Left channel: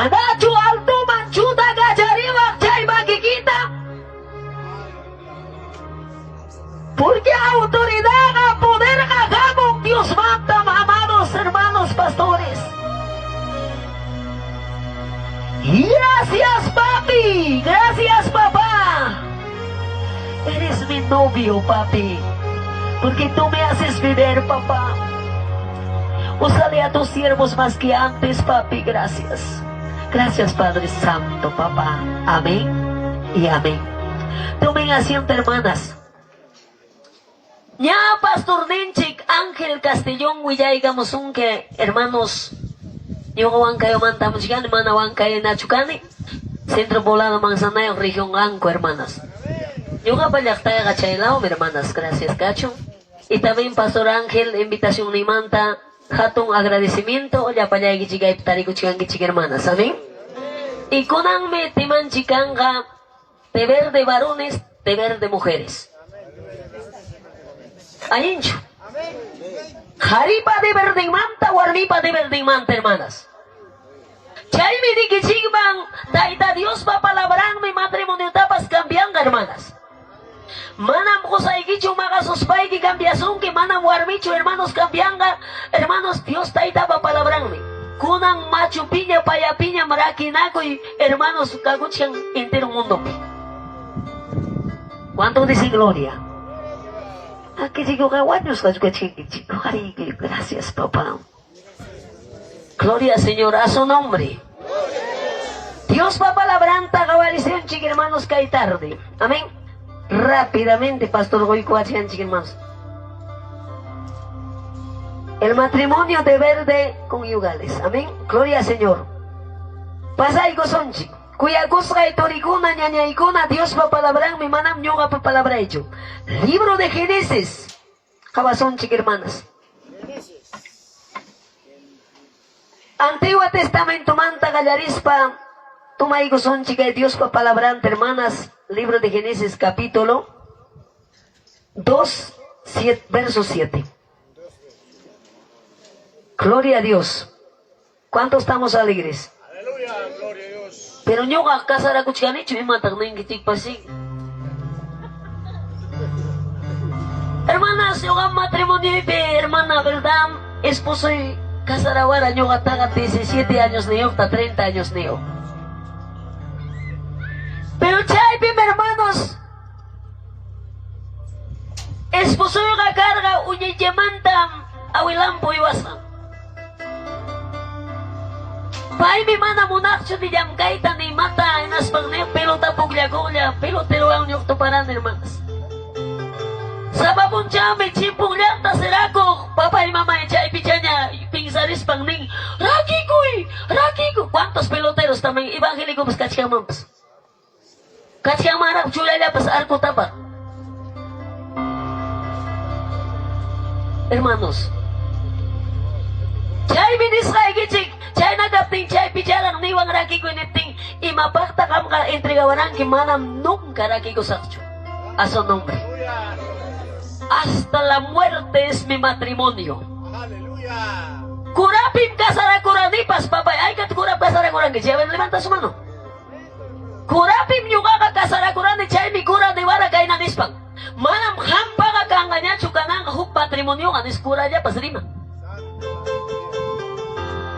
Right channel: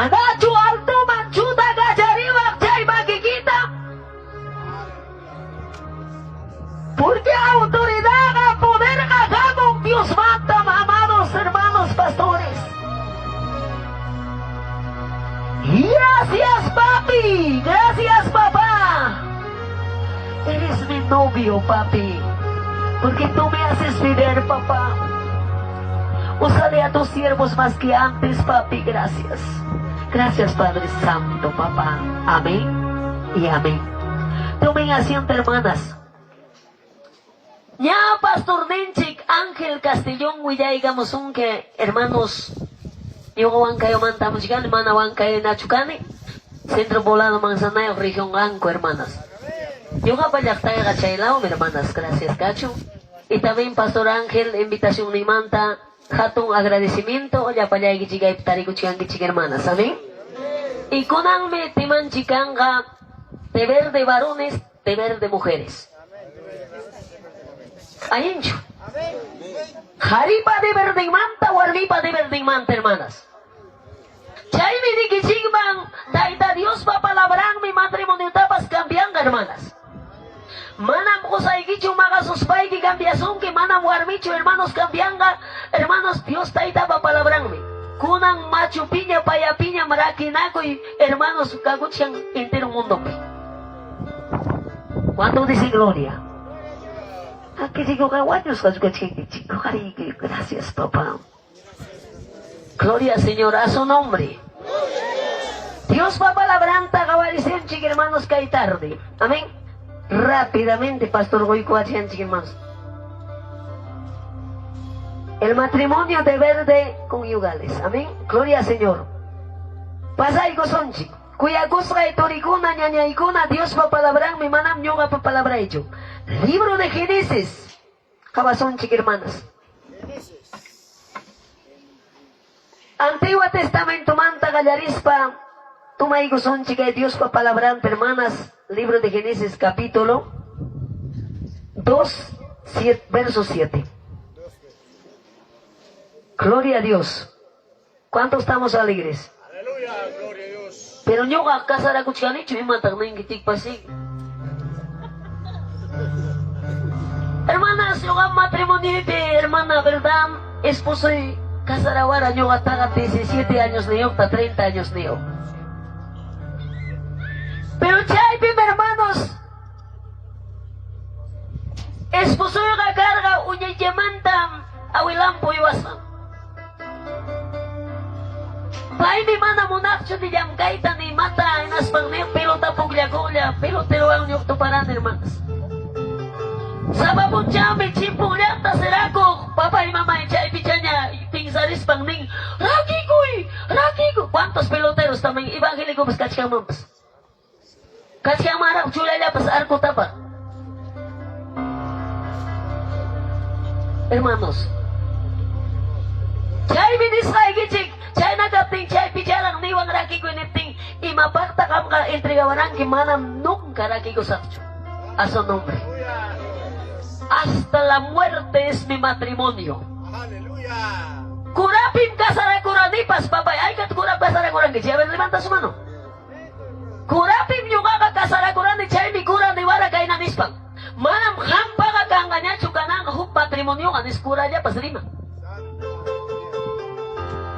Manachu alto manchuta gachariwa chay makikita. Porque autoridad, poder, hagamos Dios manda, amados hermanos pastores. Gracias, papi. Gracias, papá. Eres mi novio, papi. Porque tú me haces vivir, papá. Úsale a tus siervos más que antes, papi. Gracias. Gracias, Padre Santo, papá. Amén y amén. Tomen asiento, hermanas. Ya, Pastor Nenchik, Ángel Castellón, Huillayga que hermanos, yo Huancayo Mantamuchigani, Mana Huancayo Nachucani, Centro Poblado Manzanayo, Región Anco, hermanas. Yo Gapayactaya Gachaylao, hermanas, gracias, Cacho. Y también Pastor Ángel, invitación Nimanta, Hatun agradecimiento, ya para allá Gichigay Tarico Chigangichig, hermanas, amén. Y Konanme Timan Chicanga, deber de varones, deber de mujeres. Ayincho. Jaripa de verdimanta, warripa de verdimanta, hermanas. Chaymi di kichigman, daita Dios pa palabran mi matrimonio tapas cambian, hermanas. Manam kosaigichu magasos paigi cambiasun que manam warmichu, hermanos cambianga, hermanos Dios taita pa palabran mi. Kunan machu piña, paya piña, maraquinaco y hermanos kaguchan entero mundo. ¿Cuánto dice gloria? Aquí digo caguaños, gracias, papá. Gloria, Señor, a su nombre. Dios va palabranta, cabalición, chique hermanos, que hay tarde. Amén. Rápidamente, Pastor Goico, hacían, chique hermanos. El matrimonio deber de conyugales. Amén. Gloria, Señor. Pasa y gozón, chico. Cuya cosa de toricuna, ñañaicuna, Dios va palabrar, mi manam yoga pa palabra hecho. Libro de Génesis. Cabazón, chique hermanas. Antiguo Testamento, manta gallarispa. Toma y gozón, chica de Dios pa palabrante, hermanas. Libro de Génesis, capítulo 2, verso 7. Gloria a Dios. ¿Cuántos estamos alegres? Aleluya, gloria a Dios. Pero yo a casa la cuchara y me matan en que pasí. Hermanas, yo hago matrimonio, hermana, ¿verdad? Esposo y casara ahora, yo ataga 17 años de yo, hasta 30 años de yo. Pero chaypim, hermanos, esposo yo carga, uñe yamanta, awilampo y basa. Pai mi mana munacho di jam kaita ni mata en aspangne pelota puglia pelotero ang yokto paran, hermanas. Sababun chambe chipung liata serako papa y mama echay pichanya pingsaris pangning raki ko cuántos peloteros también evangélicos kachkamampas kachkamarap chulaya pas arko tapa. Hermanos, chay binisay gichik chay nagapting chay pichalang niwang raki ko inipting imapakta kam ka entregawanan ki manam nunca raki ko sakcho a su nombre. Hasta la muerte es mi matrimonio. Aleluya. Kurapim kasarakuranipas, papay. Ay, kat kurap kasarakuran. A ver, levanta su mano. Kurapim yuga kasarakuran ni chay mi kura ni wala kay nanispang. Manam hampaga kanganya chukanang huk patrimonio anis kura ya pasrima.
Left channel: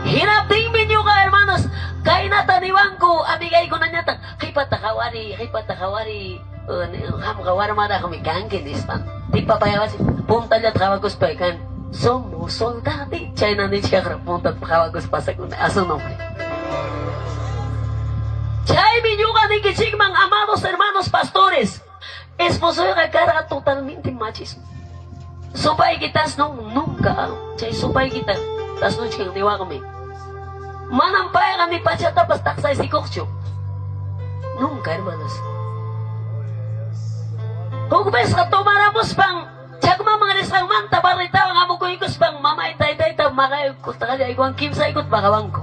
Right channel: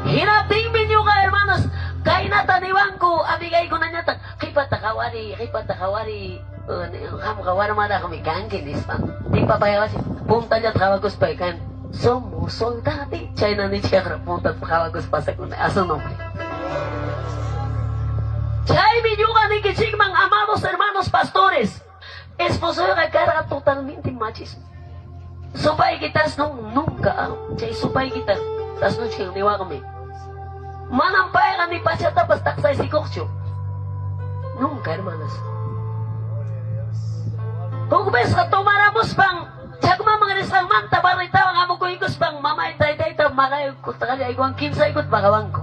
Hinapting minyuga, hermanos. Kay nataniwan ko, amigay ko na nyata. Kipatakawari. Kawar mada kami kangkin ispan. Di papayawasi. Punta niya tawagos pa ikan. Somos soldati. Chay na ni siya punta tawagos pa sa kuna. Aso nombre. Chay minyuga ni kichigmang amados hermanos pastores. Esposo yung kagkara totalmente machismo. Supay kitas nunca. Chay supay kita. Tas no ching niwa kami. Manampay ka ni Pachata pas taksay si Kokcho. Nunca, hermanos. Hugbes ka tumaramos pang chagma mga nisang manta barita ang amo ko ikos pang mamay tay tab makay ko takali ay kuang kimsa ikot bakawang ko.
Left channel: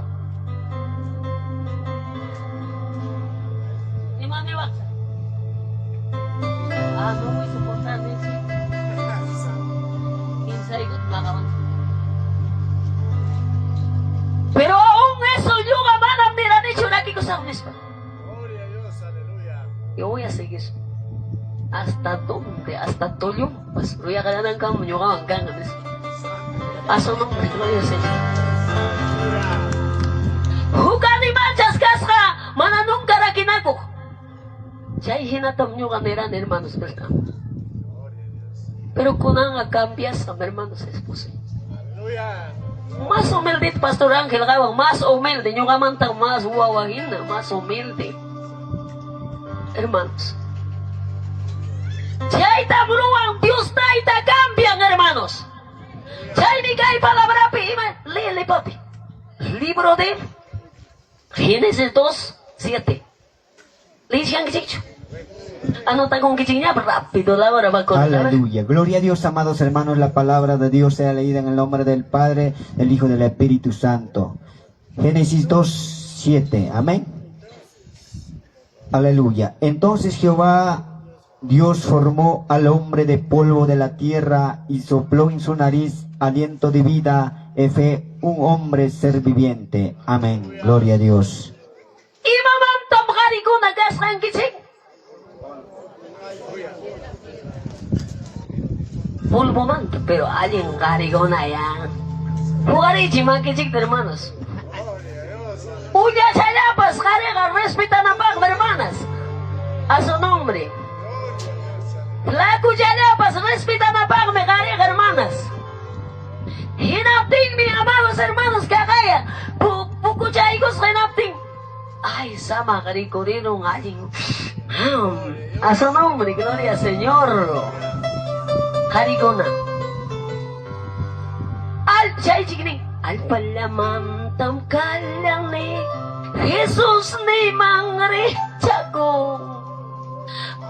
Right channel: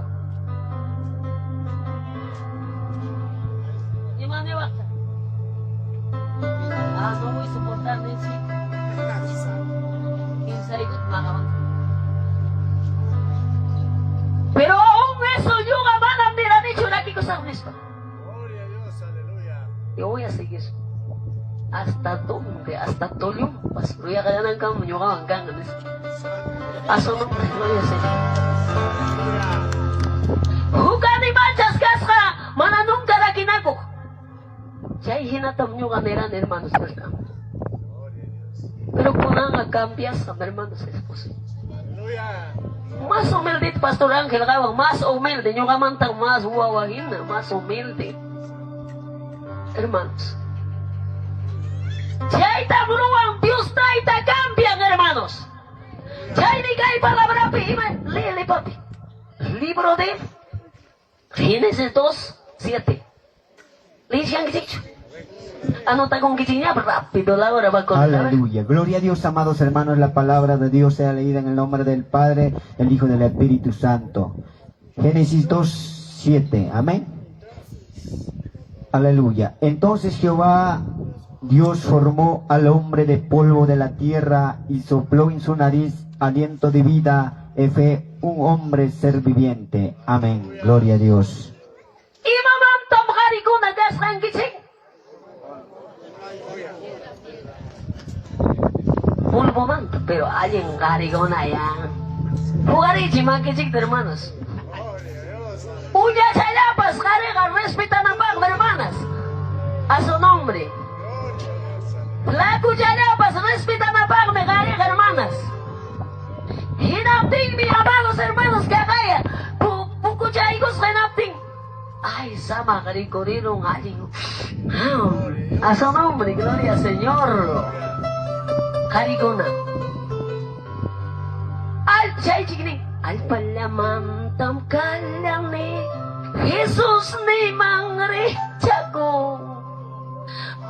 Di maniwak. Amo mo isuportar din si kimsa ikot bakawang ko. Pero aún eso yo manam nila ni gracias, Padre. Gloria a Dios, aleluya. Yo voy a seguir. ¿Hasta dónde? Hasta Tolumpas. Voy a ganar en cambio, yo hago en cambio. A su nombre, gloria al Señor. Jugan y manchas casca, mana nunca raquinaco. Ya hay hinatam nyo ganeran, hermanos, ¿verdad? Pero kunang cambias, hermanos, es posible. Aleluya. Más humilde, Pastor Ángel, más humilde, yo gamantang más guawagina, más humilde. Hermanos. Ya está bruan, Dios trae, cambian, hermanos. Ya hay mi cae palabra, léele, papi. Libro de Génesis 2:7. Lisian Gichicho. Anota con Gichiña, rápido, la hora va a contar. Aleluya. Gloria a Dios, amados hermanos. La palabra de Dios sea leída en el nombre del Padre, del Hijo y del Espíritu Santo. Génesis 2:7. Amén. Aleluya. Entonces Jehová Dios formó al hombre de polvo de la tierra y sopló en su nariz aliento de vida, y fue un hombre ser viviente. Amén. Gloria a Dios. Y mamá, tom hari ko nagasang Giching. Pulpo manto, pero alguien garigona ya. Jugari chimakichik, hermanos. Gloria a Dios, aleluya. Uya chayapas, gariga, respetan a pag, hermanas. A su nombre. Gloria a Dios, aleluya. La chayapas, respetan a pag, me gariga, hermanas. Hinapting, mi amados hermanos, que agaya. Pukuchaigos, hinapting. Ay, sama garicorino, alguien. A su nombre, gloria al Señor. Harigona. Al chay chigning. Al palamantam kalang ni Jesus ni mangre chago.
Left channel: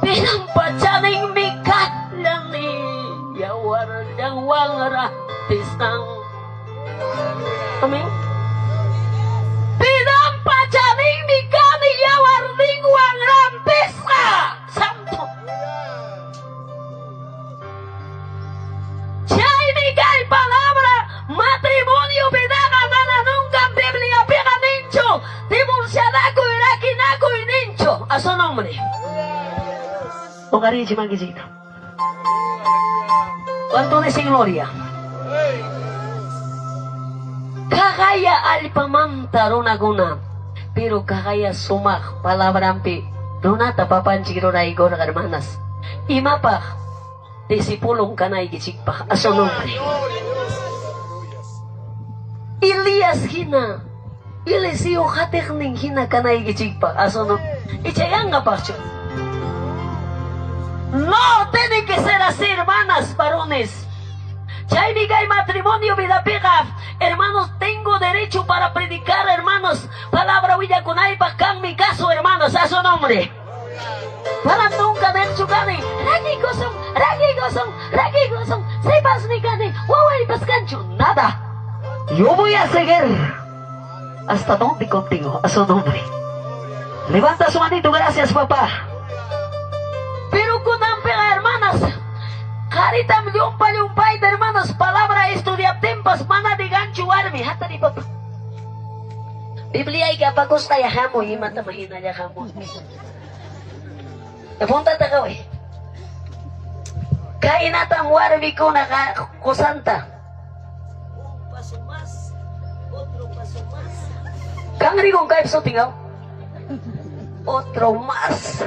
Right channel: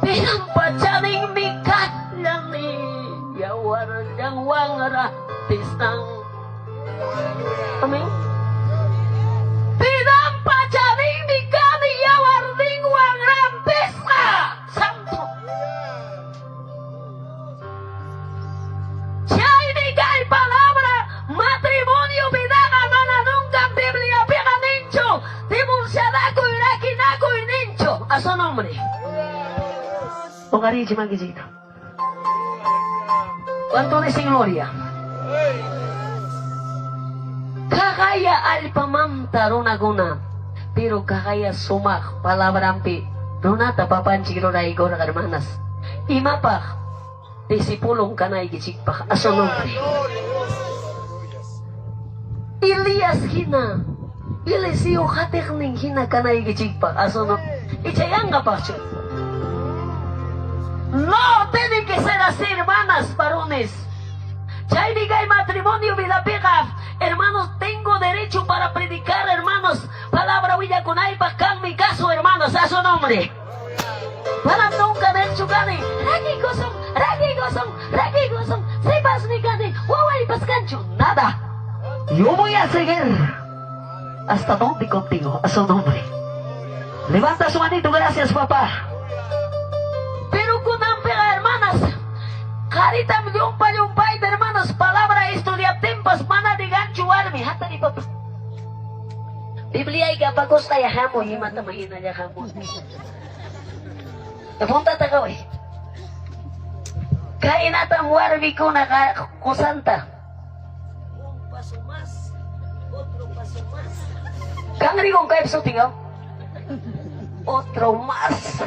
Pinampachaning mikat lang ni yawar yang wangara tisang. Amen. Pinampachaning mikat ni yawar ding wangara pisa. Santo. Chay ni kay palabra matrimonio bidaga mana nunca Biblia pega nincho divorciadaco iraquinaco y nincho a su nombre. Pongari chimaquisito. ¿Cuánto de sin gloria? Kagaya alpamanta ronaguna pero kagaya sumak palabrampi runata papanchiro raigor hermanas imapag disipulong kanay gichikpa a su nombre. Gloria a Dios, aleluya. Elias hina. Eliseo hatekning hina kanay gichigpa. Aso no. Ichayanga pacho. No, tienen que ser así, hermanas, varones. Chay bigay matrimonio vida pega. Hermanos, tengo derecho para predicar, hermanos. Palabra huilla con ahí pa' mi caso, hermanos, a su nombre. Para nunca ver su gane. Ragi gosong. Sepas mi gane. Huawei pascancho. Nada. Yo voy a seguir hasta donde contigo, a su nombre. Levanta su manito, gracias papá. Pero con ampera, hermanas, caritam yumpay de hermanos, palabra estudia tempas, mana de gancho army, hata ni papá. Biblia ay kapagos tayo hamo, himata mahina ya hamo. Napunta tagaw eh. Kainatam warmi ko na kusanta. Paso más, otro paso más. Kangri kong kaip so tingaw. Otro más.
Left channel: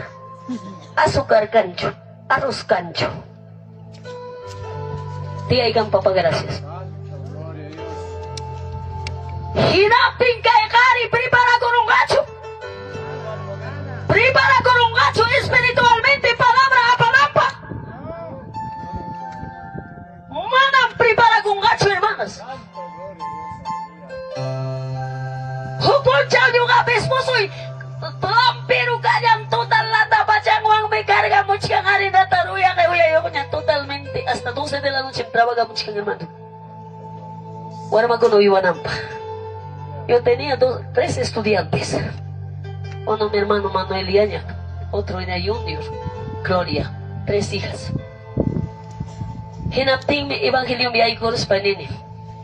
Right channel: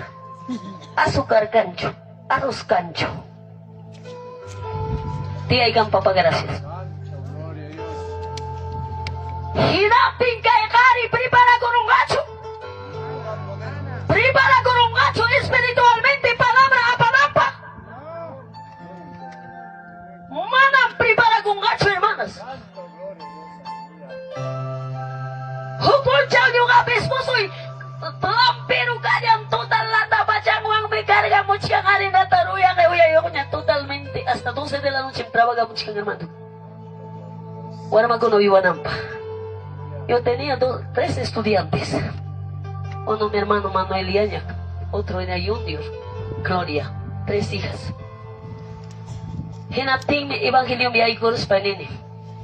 Azúcar cancho, arroz cancho. Tiyay kang papagracias. Gloria a Dios. Hinapin kay kari, prepara con un gacho. Prepara con un gacho espiritualmente, palabra a palabra. Manam prepara con gacho, hermanas. Santo, gloria a Dios, aleluya. Hukul chao yung abis mo soy. Pero kanyang total na tapachang wang may karga mo chika kari na taruya kay uya yung niya totalmente. Hasta 12 de la noche trabaja mo chika hermano. Wala magkunuiwanan pa. Yo tenía 3 estudiantes. Uno mi hermano Manuel Yañac, otro era Junior, Gloria, 3 hijas. Hinapting mi evangelium yay ko sa panini.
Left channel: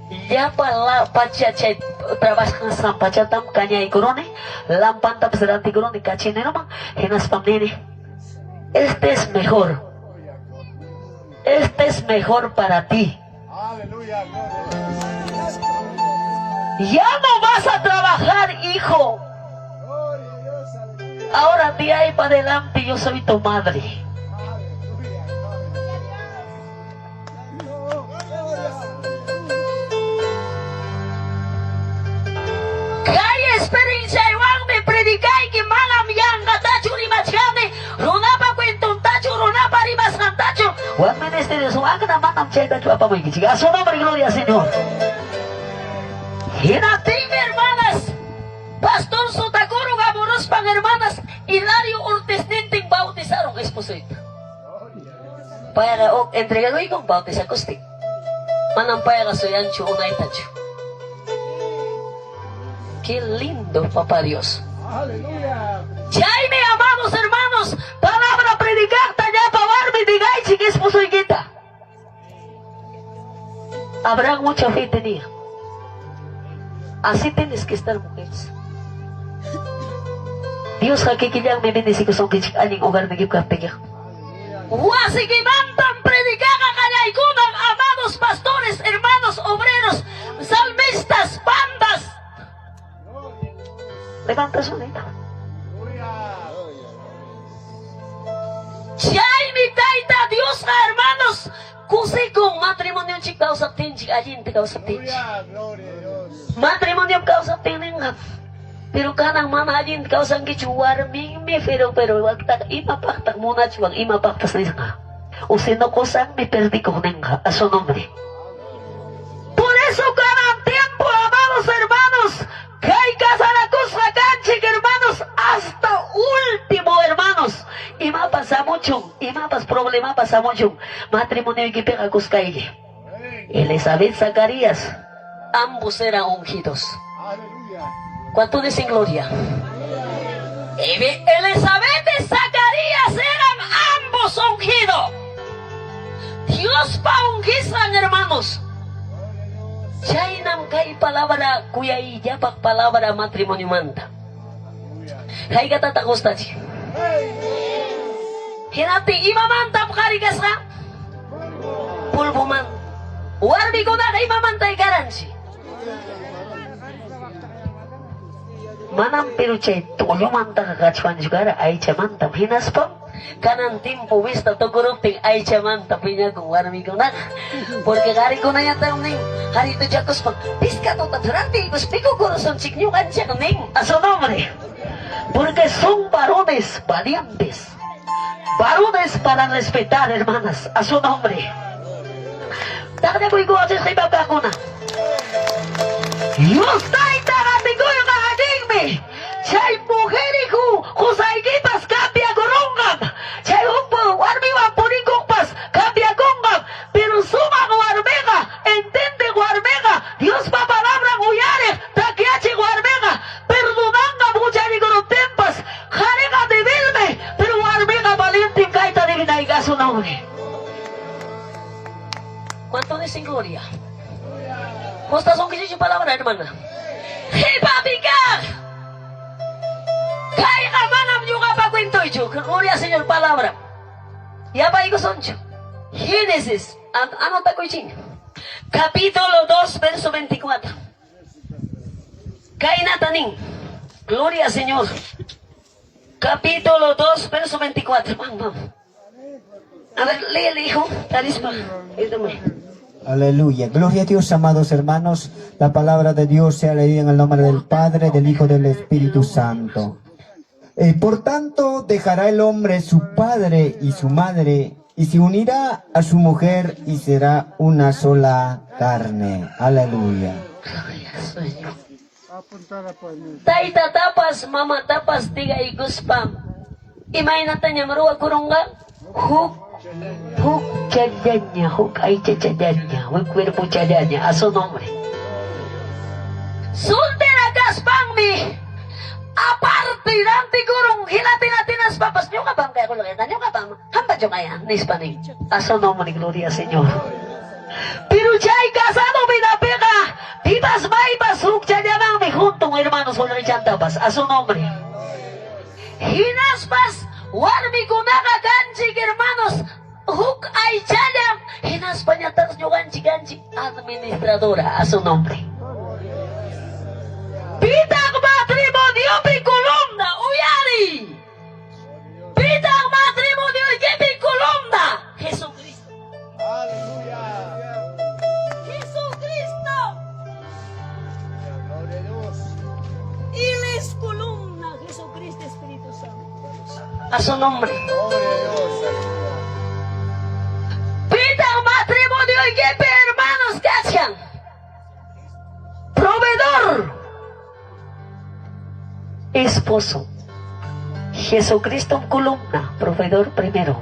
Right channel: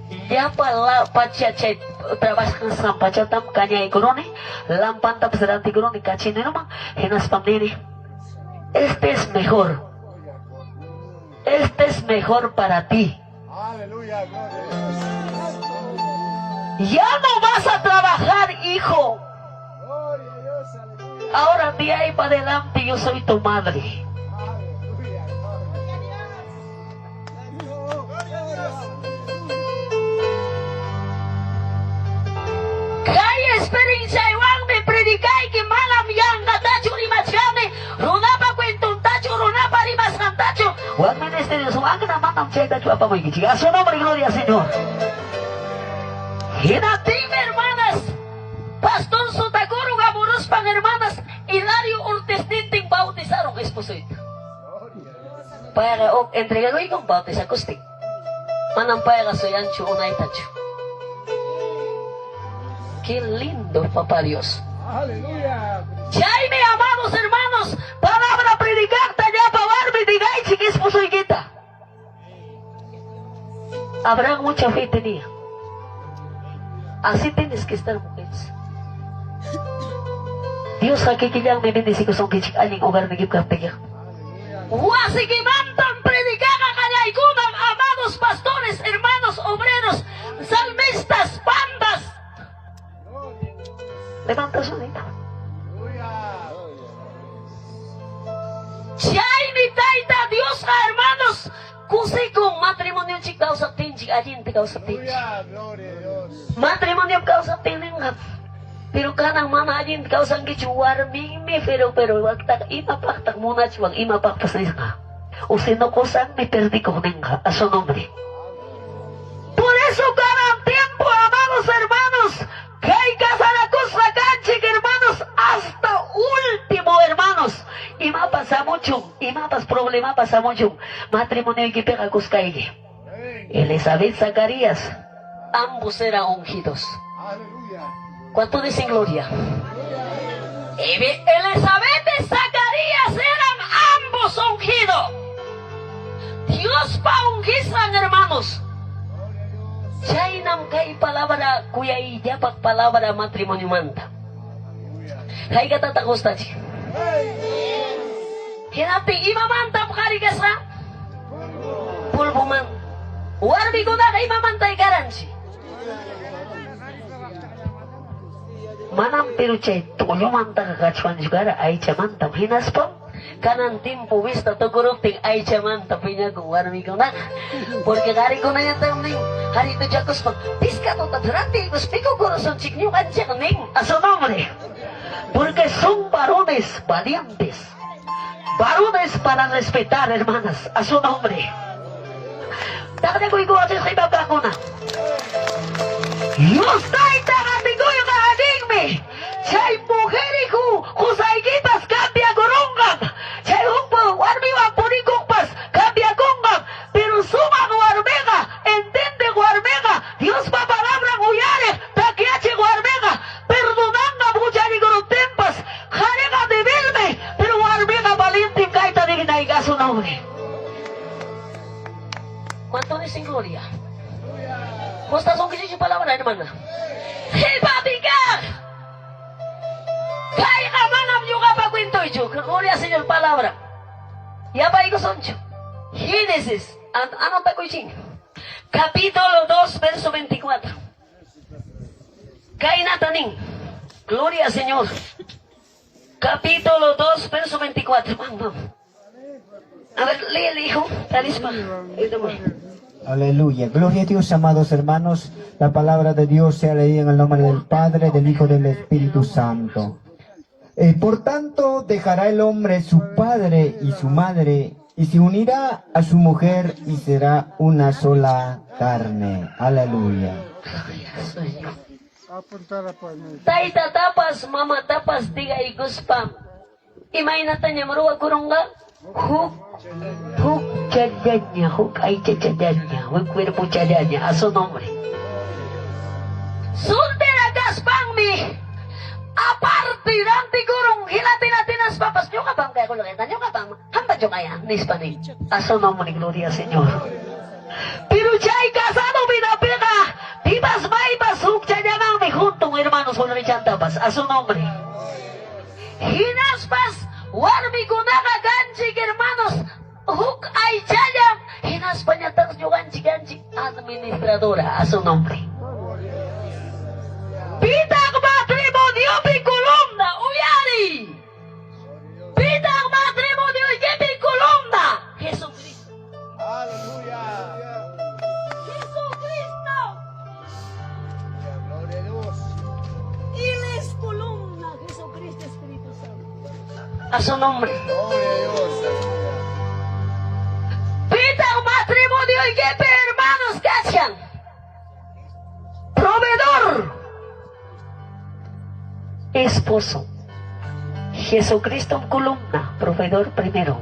Ya pala pacacay trabas kan sa pacatam kanya ikorone lampan tap seranti korone kachine nomang henas pamnene. Este es mejor. Este es mejor para ti. Aleluya, gloria a Dios. Ya no vas a trabajar, hijo. Gloria a Dios, aleluya. Ahora de ahí para adelante yo soy tu madre. Aleluya, gloria. Kaya experiencia igual me predicai que malam yang kata curi macamne runa pa kwentong tacho runa pa ribas ng tacho. Huwag ministeryo so ang naman ang cheta chua pa mo ikichiga. Su nombre gloria Señor. Hinating hermanas, Pastor Sotaguro Gamoros pang hermanas, Hilario Ortiz Ninting bautizaron esposo ito. Para o entregado ikong bautis acoustic. Manampaya ka so yan chu unay tacho. Qué lindo, papá Dios. Aleluya. Jaime, amados hermanos, palabra predicar tanya pawarme digay chiquis pusoy kita. Habrá mucha fe tenía. Así tienes que estar, mujeres. Dios hakikiyang may bendisi ko sa kichik aning hogar na gipkartiga. Wasigimantan predicar a kanaykunang amados pastores, hermanos, obreros, salmistas, bandas. Levanta su dedo. Jaime taita Dios hermanos kusikong matrimonyo chik daw sa tinchik ajin ti daw sa tinchik. Aleluya, gloria a Dios. Matrimonyo daw sa tinengap. Pero kanang mana ajin ti daw sa kichuwar mingme pero wag tak imapaktak muna chuwag imapaktas na nga. O sino ko sang me perdi ko nenga a su nombre. Por eso cada tiempo amados hermanos kay kasalakus sa kanchik hermanos hasta último hermanos. Ima pasa mucho, ima pas problema pasa mucho. Matrimonio y que kaye. Elizabeth Zacarías, ambos eran ungidos. Aleluya. ¿Cuánto dicen gloria? Elizabeth y Zacarías eran ambos ungidos. Dios pa unghisan hermanos. Chainam kay palabra kuya iyapak palabra matrimonio manta. Kay katatakos tayo. Hinati imamantap karigas ka? Pulbo man. Warbi ko na kay imamantay karansi. Manam pero chay tulo manta kakachuan juga ay chamantam hinas pa. Kanan timpo wista to gurupting ay chamantam pinya kung warbi ko na. Porque kari ko na yan tayo ning. Hari itu jakos pa. Piska to tatarati. Guspiko ko son chiknyo kanchak ning. Aso nombre. Porque son varones valientes. Varones para respetar, hermanas, a su nombre. Takde ko igual sa iba pa ko na. Dios tayo tagating ko yung kahaging me. Siya'y muheri ko, kusay kitas kapya gurunggag. Siya'y hukpo, warmi wapunin kukpas, kapya gunggag. Pero sumang warmega, entende warmega. Dios pa palabrang uyari, takyachi warmega. Perdonanga mucha ni tempas, jarega de vilme, pero warmega valintim kaita de vinaiga su nombre. ¿Cuánto dicen gloria? ¿Cuántas son que dicen palabra, hermana? ¡Hey, papi, kaya ka manam juga pa kwento ito. Gloria Señor palabra. Ya pa iko soncho. Génesis. Ano ta ko iching? Capítulo 2, verso 24. Kaya nataning. Gloria Señor. Capítulo 2, verso 24. Mam. A ver, léele, hijo. Talis pa. Ito mo. Aleluya. Gloria a Dios, amados hermanos. La palabra de Dios sea leída en el nombre del Padre, del Hijo y del Espíritu Santo. Por tanto, dejará el hombre su padre y su madre, y se unirá a su mujer, y será una sola carne. Aleluya. Gloria Señor. Apuntar po niyo. Taita tapas, mama tapas, diga iguspam. Imay na tanya maruwa kurunga. Huk chadanya, huk ay chadanya, huk cuerpo chadanya, a su nombre. Soltera gaspang mi. Aparte, nanti kurung, hilati-latinas papas, nyo ka bang kaya kulakitan, nyo ka bang, hamba nyo kaya, nispaning. A su nombre, gloria Señor. Pero chay casado pinapega, pipas maipas hukcha llaman mi junto, hermanos, con rechantapas, a su nombre. Hinaspas, warmi kunaga ganchik, hermanos, huk ay chayam, hinaspañatas yo ganchi ganchi, administradora, a su nombre. Pitang matrimonio pi columna, uyari. Pitang matrimonio pi columna, Jesucristo. Aleluya. Jesucristo. Gloria a Dios. Él es columna, Jesucristo Espíritu Santo. A su nombre. Gloria a Dios. Pitang matrimonio pi hermanos, cachan. Proveedor. Esposo. Jesucristo columna, proveedor primero.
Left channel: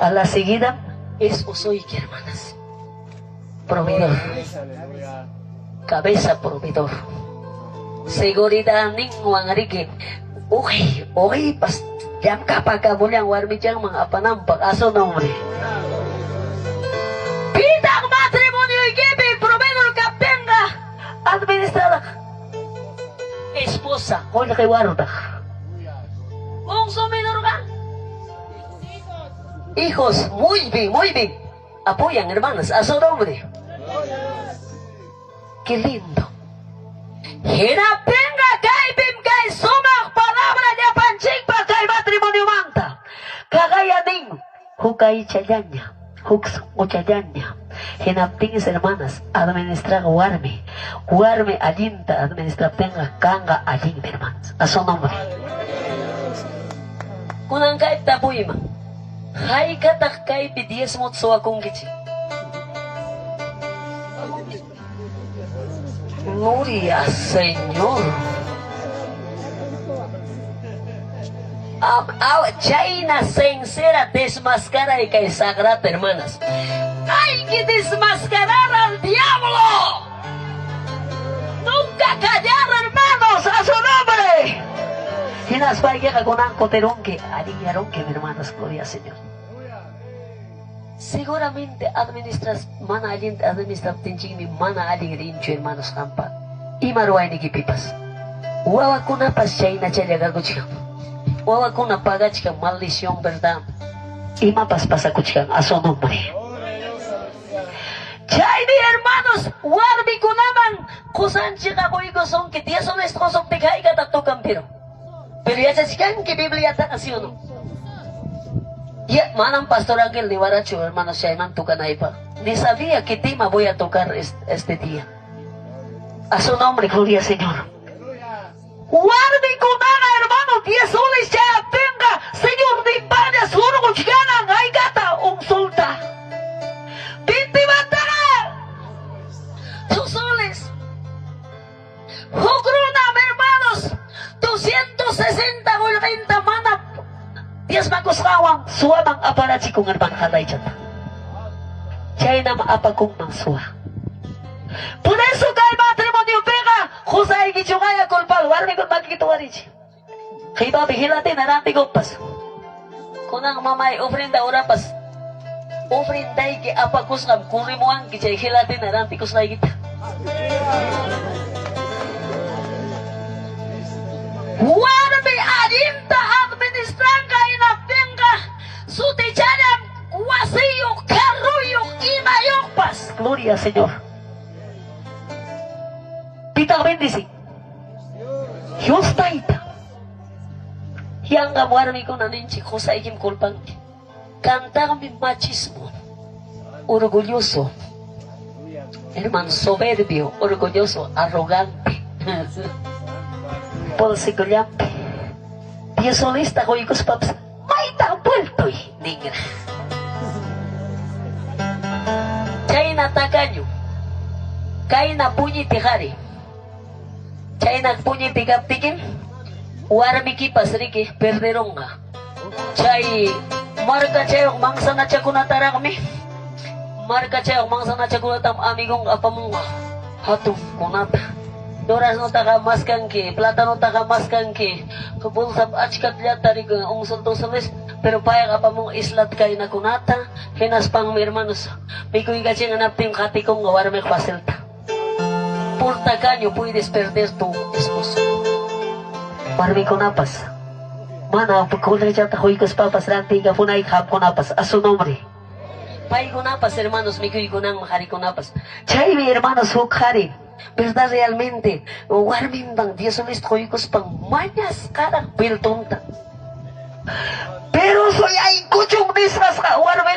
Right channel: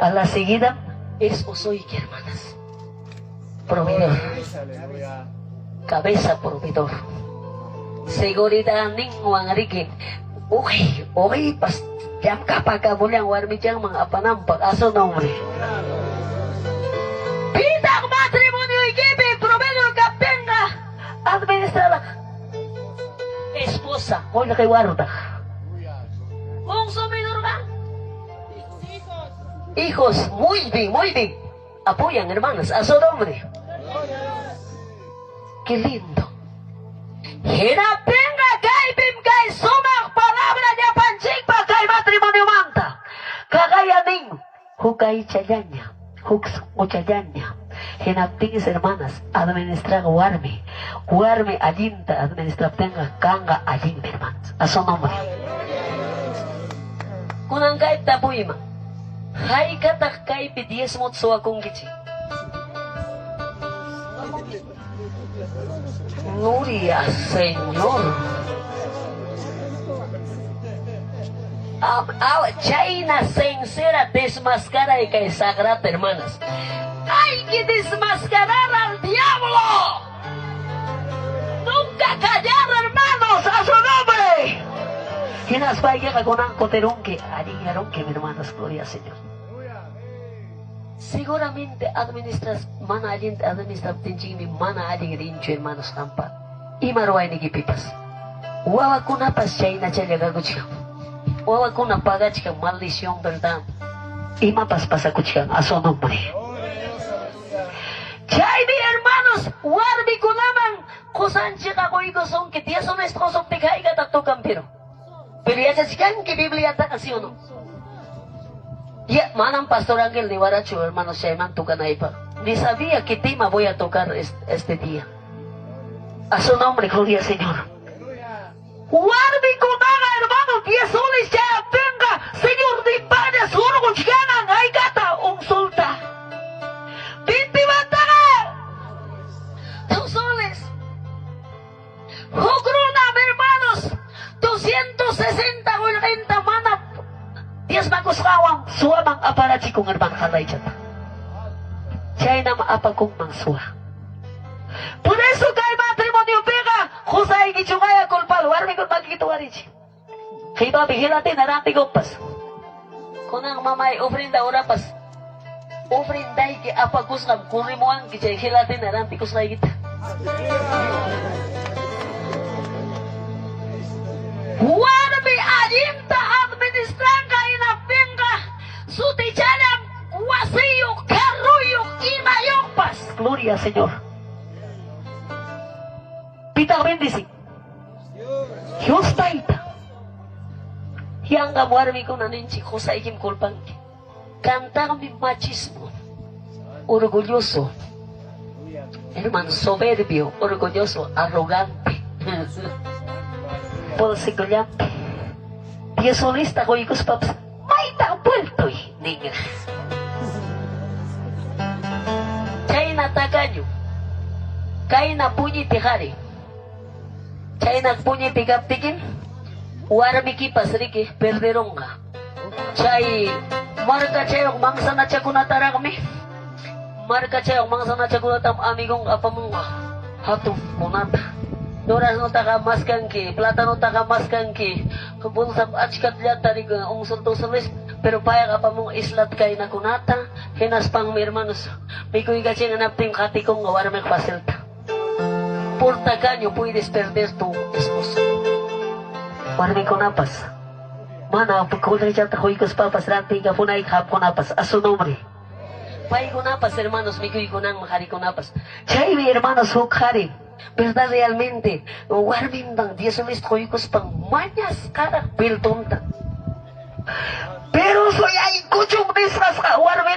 A la seguida, esposo y hermanas. Proveedor. Aleluya. Cabeza proveedor. Seguridad ningwang rigi. Uy, pas jam kapakabulang warmi jang mga panampak aso nombre. Pitang matrimonio ikipi, proveedor kapenga, administrador. Esposa, hoy kay warudak. Kung sumidor ka. Hijos, muy bien. Apoyan, hermanas, a su nombre. Qué lindo. Hinapenga kay bim kay sumak palabra niya panching pa kay matrimonio manta. Kakayaning hukay chayanya, hukso chayanya. Hinaptingis hermanas, administrar warme alinta, administrar tenga kanga alin hermanas. A su nombre. Kunang kay tapuima. Hay katak kay pidies mo tsuwa kong gichi. Gloria al Señor. China sincera desmascara y que sagrada, hermanas. Hay que desmascarar al diablo. Nunca callar, hermanos, a su nombre. Y las vallas con ancoterón que alinearon que, hermanas, gloria al Señor. Seguramente administras mana alin administrar tinjimi mana alin rincho hermanos kampa. Imaruay ni kipipas. Wawa kuna pas China chaya gaguchika. Wawa kuna pagachika maldición verdad. Ima pas pasakuchika a su nombre. Chay mi hermanos, warbi kunaman kusan chika koigo son que 10 honestos son te caiga tanto campero. Pero ya se sigan que Biblia está así o no. Ya, manang Pastor Ángel de Baracho, hermano Shaiman, toca naipa. Ni sabía qué tema voy a tocar este día. A su nombre, gloria al Señor. Warmi kunanga, hermano, 10 soles ya tenga, Señor de España, surgo chiganan, ay gata, un solta. 20 batana, 2 soles. Jogrunam, hermanos, 260 o 90 mana. 10 magos kawang suwa mang aparachi kung erman katay chata. Chay na maapagkong mang suwa. Por eso kay matrimonio pega, kusay gichungaya kulpal, warmi kung magkikituwarichi. Kay babi hilati naranti gompas. Kunang mamay ofrenda orapas. Ofrenday ki apagkusam, kung rimuan ki chay hilati naranti kusay kita. Warmi adinta administranga inapenga suticharam wasiyo karuyo inayokpas. Gloria al Señor. Pita bendici. Dios taita. Yang warmi ko naninchi ko sa ikim kulpang. Cantar mi machismo. Orgulloso. Hermano soberbio, orgulloso, arrogante. Polsigolyampi. Piesolista ko ikos paps. May puerto negra. Chay na takanyo. Kay na punyi tihari. Chay na punyi tigap-tigin. Warmi kipas riki perderonga. Chay marka chayok mangsa na chakunatara kami. Marka chayok mangsa na chakunatam amigong apamunga. Hatong monata. Doras no takamaskan ki, plata no takamaskan ki, kabul sa achkat lihat tari ka ung santo salis, Pero paya ka pa mong islat kay na kunata, hinas pang mi hermanos, may kuy ka siyang anapting kati kong gawar may pasilta. Porta kanyo, puedes perder tu esposo. Marami kunapas. Mana, pagkulay siya takoy kas papas, ranti ka punay kap kunapas, a su nombre. Pay kunapas, hermanos, may kuy kunang makari kunapas. Chay, mi hermanos, hukari. ¿Verdad realmente? Warmindang Dios me estoy pang mañas cara piltunta. Pero soy ahí kuchung disras ka warme.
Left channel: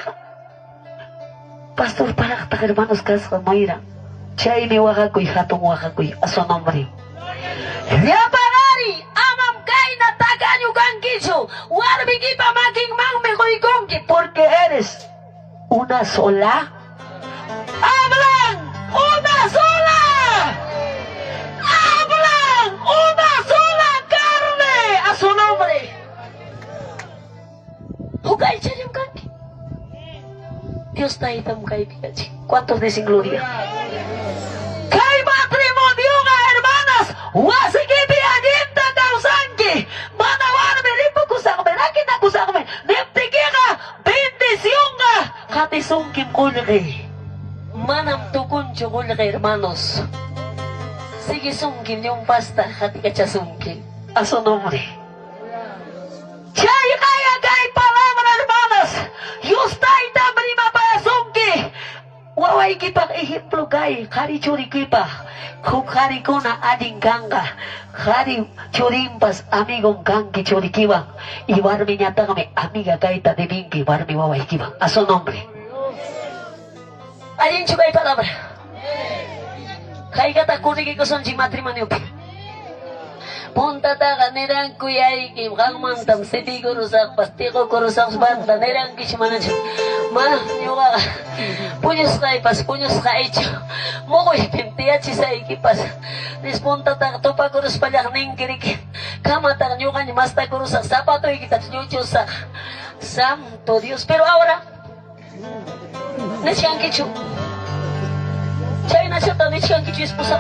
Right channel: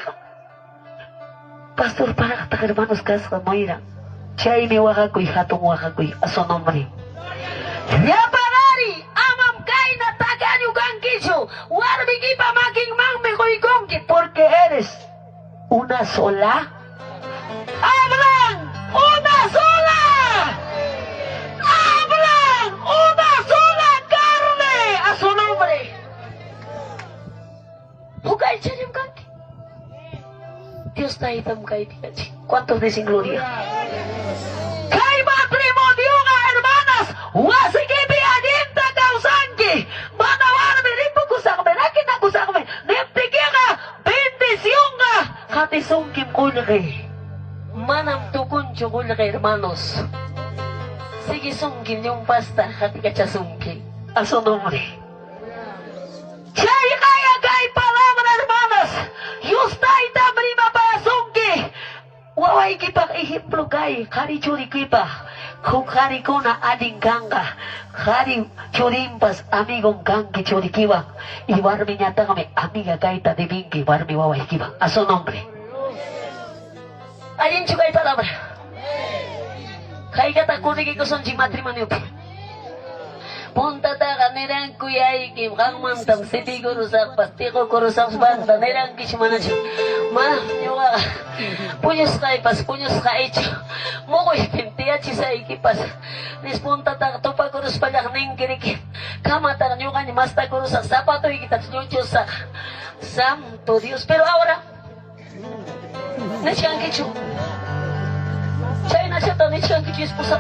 Pastor para ta hermanos kas Mayra. Chay mi wakakoy hatong wakakoy a su nombre. Yapadari amam kay na taganyo kang kicho. Warme ki pa maging mangme koy kongki porque eres una sola. Hablan una sola. Hablan una sola carne a su nombre. Hugay chayam kanki. Dios na itam kay pikachi. ¿Cuántos dicen gloria? Kay matrimonio nga hermanas. Wasikiti aginta kausanki. Manawarme ripo kusakme. Nakita kusakme. Neptiki ka. Bendisyon ka. Katisungkim kulke. Manam tukun chokulke hermanos. Sige sungkin yung pasta katika cha sungkin. A su nombre. Chay kaya kay palabra hermanas. Yustay tamri mapaya sungki. Waway kitang ehemplo kay. Kari churi kipa. Kung kari ko na ading ganga. Kari churimpas amigong gangi churi kiwa. Iwarmi nyata kami amiga kay tadibingki. Iwarmi waway kiwa. A su nombre. Alin chugay palabra. Kay kata kunigi ko son matrimonio. Punta ta kanirang kuyay kim kang mantang siti ko rusak pasti ko rusak banda nirang kishmana siya. Mana yung punyos kay pas punyos kay ito. Mo ko ipimtiya si sa ikipas. Nis punta ta tupa ko rus palak ning kirikin. Kamatang nyo kanya masta ko rusak sapato ikitat nyo sa Santo Dios. Pero ahora nasiyang kicho. Chay na siya tani siyang kicho esposa.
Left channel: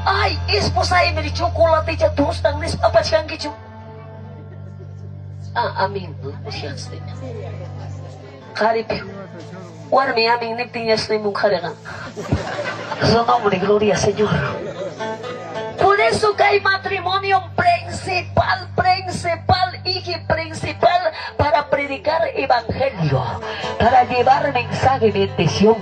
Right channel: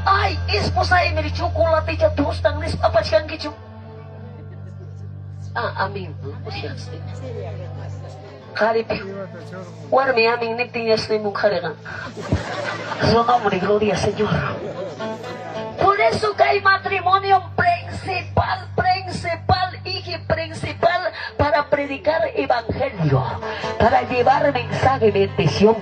Ay, esposa ini di chocolate siya tustang nis apa siyang kicho. Amin. Siyang stin. Karip. Warmi aming niptinyas ni mong karagang. Su nombre, gloria Señor. Por eso que hay matrimonio principal para predicar evangelio, para llevar mensaje de bendición,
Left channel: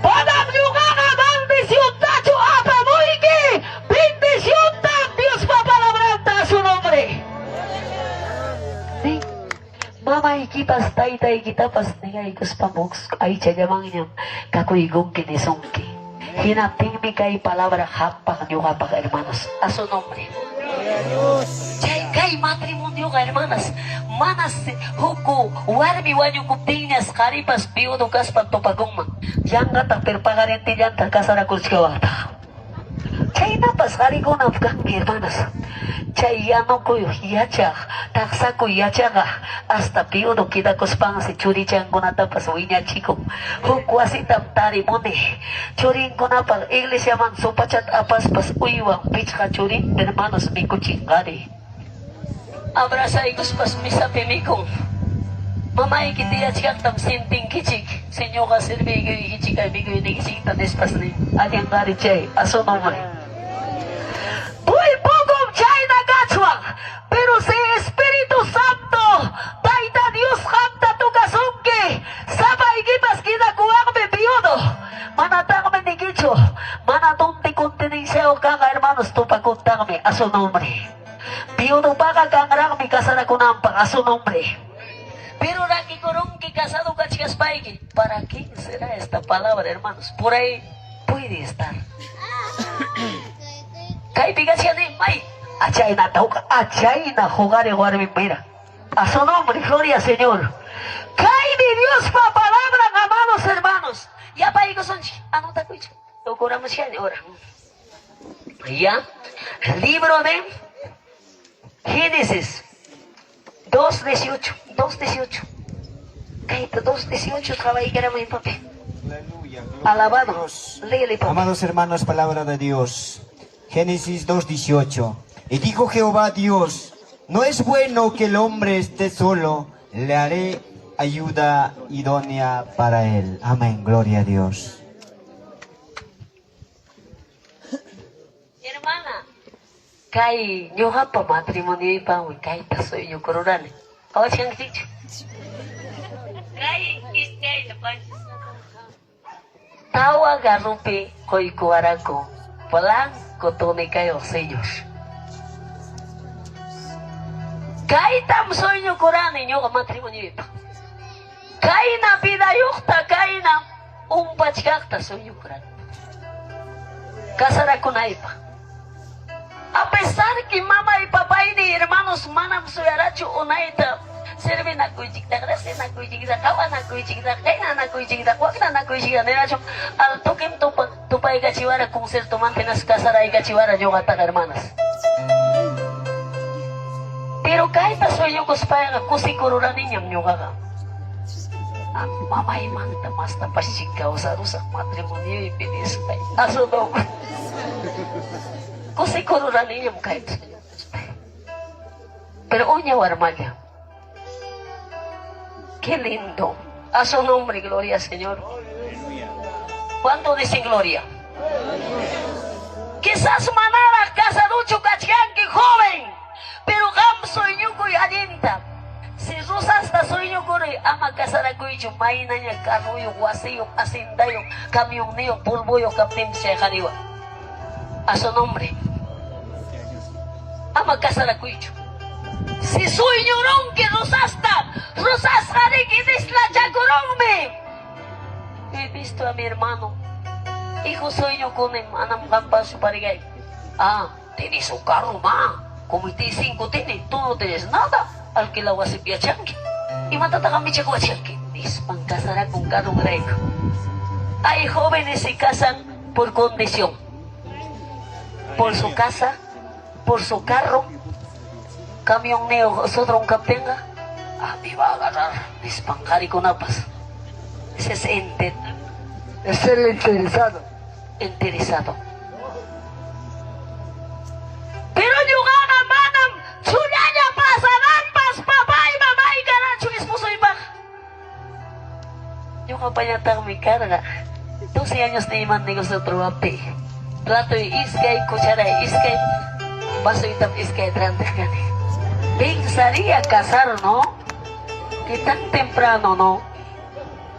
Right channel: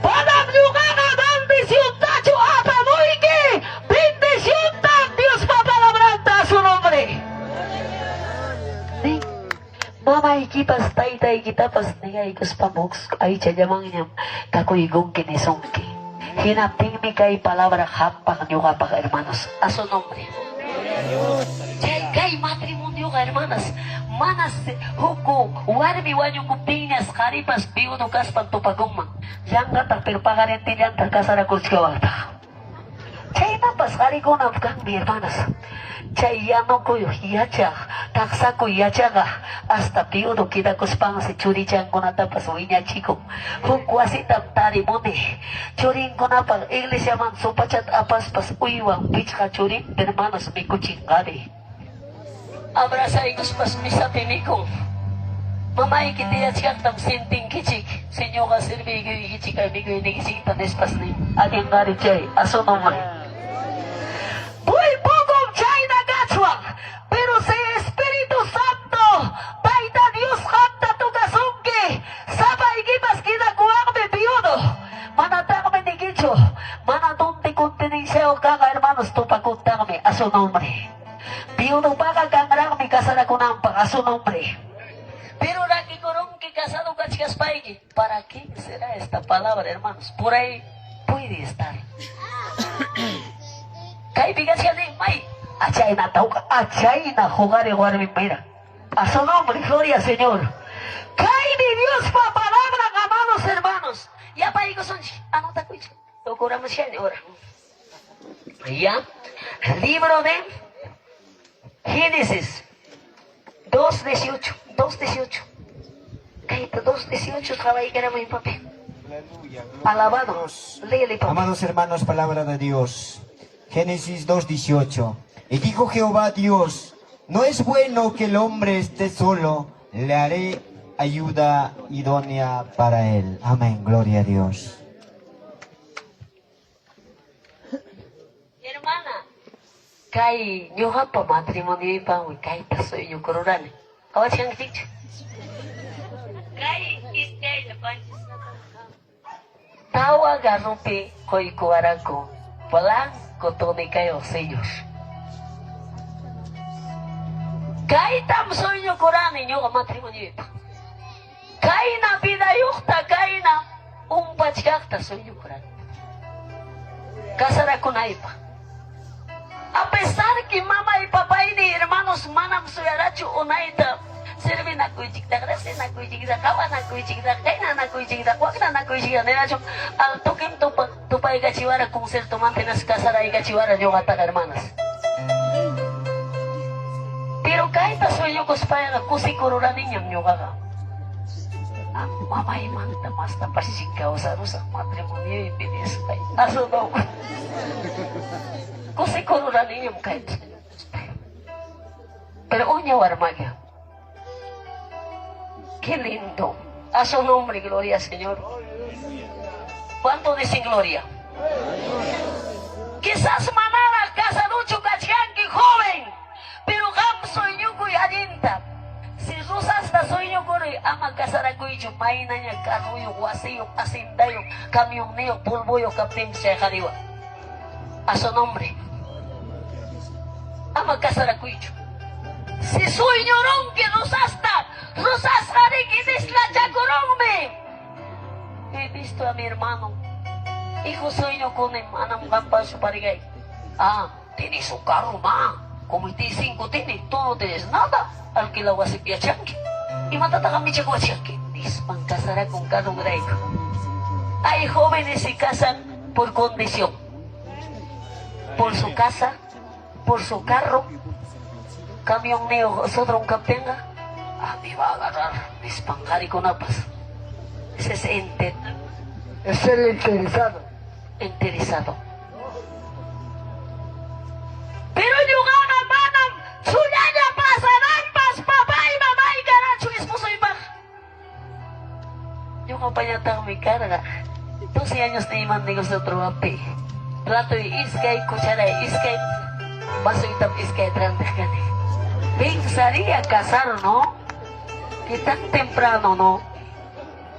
para ayudar a bendición, tacho apa muiki, bendición tan Dios pa palabranta su nombre. Sí. Mama ikipas tay kita pas niya ikus pamoks ay chayamang niya kakuigong kinisongki. Hinating mi kay palabra hapak niyo kapak hermanos. A su nombre. Kay matrimonio ka hermanas. Manas huku warmi wanyo kuptinas karipas biudo kas pagtupagong. Yang gatak perpagarente yan kakasara kurskawata. Chay na pas karigo na pagkangi hermanas. Chay yano ko yacha, taksa ko yacha ka, hasta piudo kita kuspang si churi chan ko na tapas winya chiko. Hukwasi taptari mo ni, churin ko na pag iglesia man supachat apas pas uiwang bitch ka churin, hermanos mi kuchingari. Abrasa ikus pas misa pimikong. Mamay kiti yachak tam sinting kichik, sinyo ka sirbigo ikichik ay bigo inikisik tanis pas ni, ating ngari chay, aso naman. Muy poco chay nagachwang, pero si Espíritu Santo, taita Dios kanta tu kasungki, sabay gipas kita kuwang bebiudo, manatang menigicho, manatunti kuntining seo kanga hermanos tupakunta kami, a su nombre. Biudo paga kanga kami kasara kunampang, a su nombre. Pero laki korong que casado cachigas paigi, ¿para quién será esta palabra hermanos? Por ahí puede estar. Kaibigan siya ni May. Achay na tao ka. Achay na jugar y jugar mi mira. A su nombre, gloria Señor. Kay ni Dios pa palabra, amados hermanos. Ya pa iko son. Ano ta ko? Tukuramos siya ni ora. Ya. Libro de Génesis 2:18. 2:18. Kay 2:18 trabajo que era muy papel. Alabado. Léele, papá. Amados hermanos, palabra de Dios. Génesis 2:18. Y dijo Jehová Dios, no es bueno que el hombre esté solo, le haré ayuda idónea para él. Amén, gloria a Dios. Hermana, kay nyoha pa matrimonio pa mo kay paso yung kororan. Awas yang dicho. Kay iskay na panchis na tawa garupi koy kuwarako. Walang kotone kayo senyos. Kay tamso yung koran ninyo ka matrimonio pa. Kay na bidayukta kay na umpachkakta so yung koran. Kasara ko na ipa. A pesar que mamá y papá y ni hermanos manam suyarachu unaita sirve na kuichikta grase na kuichikta kawa na kuichikta kaina na kuichikta wakna na kuichikta neracho al toquem tupa y gachiwara con ser tomante nas casara y gachiwara yo gata hermanas. Pero kahit soy yo kuspaya kusi kurura niñam yo gaga. Mamá y manta mas tapasika usarusa matrimonio y pides aso do. Kasi kurura ninyong kahit. Pero unya warmaga. Qué lindo. A su nombre, gloria, Señor. ¿Cuánto dicen gloria? Quizás manara casa lucho cachianqui joven. Pero gam soy yo cuy adinta. Si rusas ta soy yo cuy ama casara cuy chumay na niya kanuyo, wasiyo, asindayo, kamyong niyo, pulboyo, kaptim siya kariwa. A su nombre. Ama casara cuicho. Si soy llorón que rosasta que isla chacorongme. He visto a mi hermano. Hijo soy yo con el manam gampa su parigay. Ah, tiene su carro, ma. Comité 5 tiene, tú no tienes nada. Alquila wasipia chanqui. Y matata kami chakwa chanqui. Dispang casara con carro grego. Hay jóvenes que se casan por condición. Por su casa, por su carro, camión neo, otro un captenga, me va a agarrar, dispangari con apas. Ese es Es el interesado. interesado. Pero yo gana manam, chulaya pasarampas, papá y mamá y garacho, esposo y baja. Yo kapayatang mi carga, 12 años de iman negocio otro ape. Plato y iskay, cuchara y iskay, vaso y tap iskay trantejane. Pensaría casar, ¿no? Que tan temprano, ¿no?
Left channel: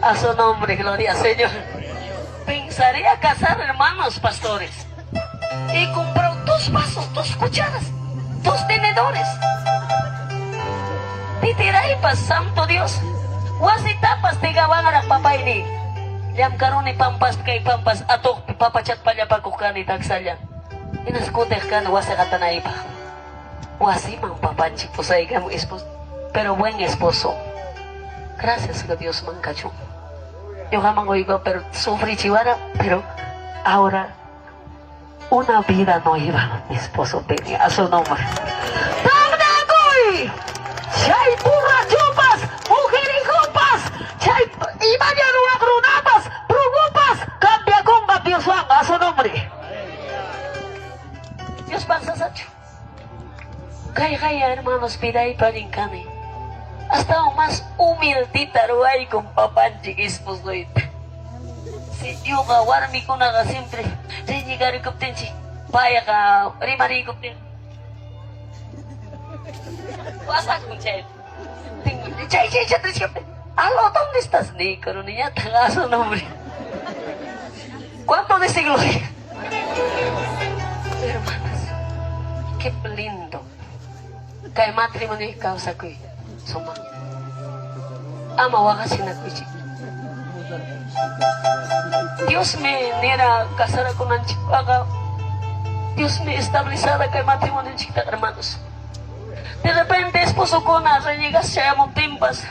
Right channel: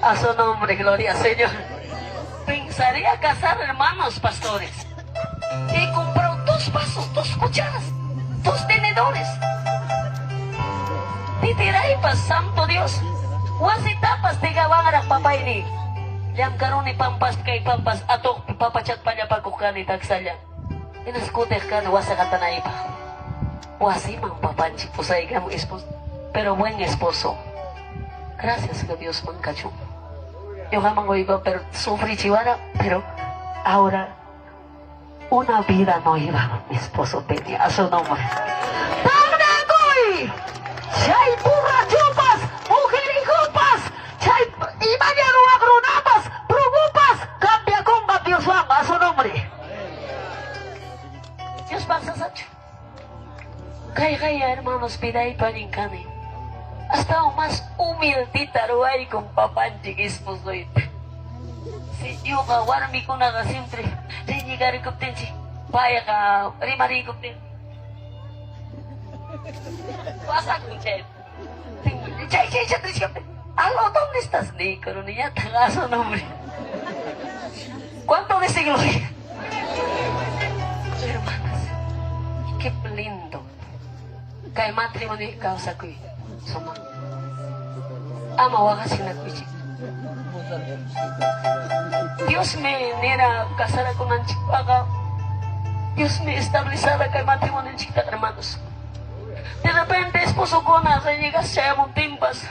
A su nombre, gloria al Señor. Pensaría casar, hermanos pastores. Y compró 2 vasos, 2 cucharas, 2 tenedores. Y tirai pas, santo Dios. Wasitapas, tigawan arak papay ni. Yam karuni pampas kay pampas atok papachat pa niya pagkukani tagsalya. Inaskuteh ka na wasa kata na iba. Wasi mang papanchi po sa ikaw esposo. Pero buen esposo. Gracias a Dios mancacho. Yo jamás iba, pero sufrí chihuara, pero ahora una vida no iba. Mi esposo tenía a su nombre. ¡Pagdagoy! ¡Chay burrachupas! ¡Mujerijupas! ¡Chay imañero agrunapas! ¡Prugupas! ¡Cambia comba Dios Juan a su nombre! Dios pasa sacho. Kaya hermanos, piday panincane. Hasta un más humildita ruay con papá chiquismos doy. Si yo gawarmi ko na siempre, renyigari ko tenchi, paya ka, rimari ko ten. Wasak ko chay. Chay, aló, ¿dónde estás? Ni coronilla, taga su nombre. ¿Cuánto de siglo? Hermanas, qué lindo. Kay matrimonio y causa ko suma. Ama wakasin na kuchi. Dios me nera casara con Anchipaga. Dios me estabilizara kay matrimonio en chiquita, hermanos. De repente esposo con las reñigas se llaman timpas.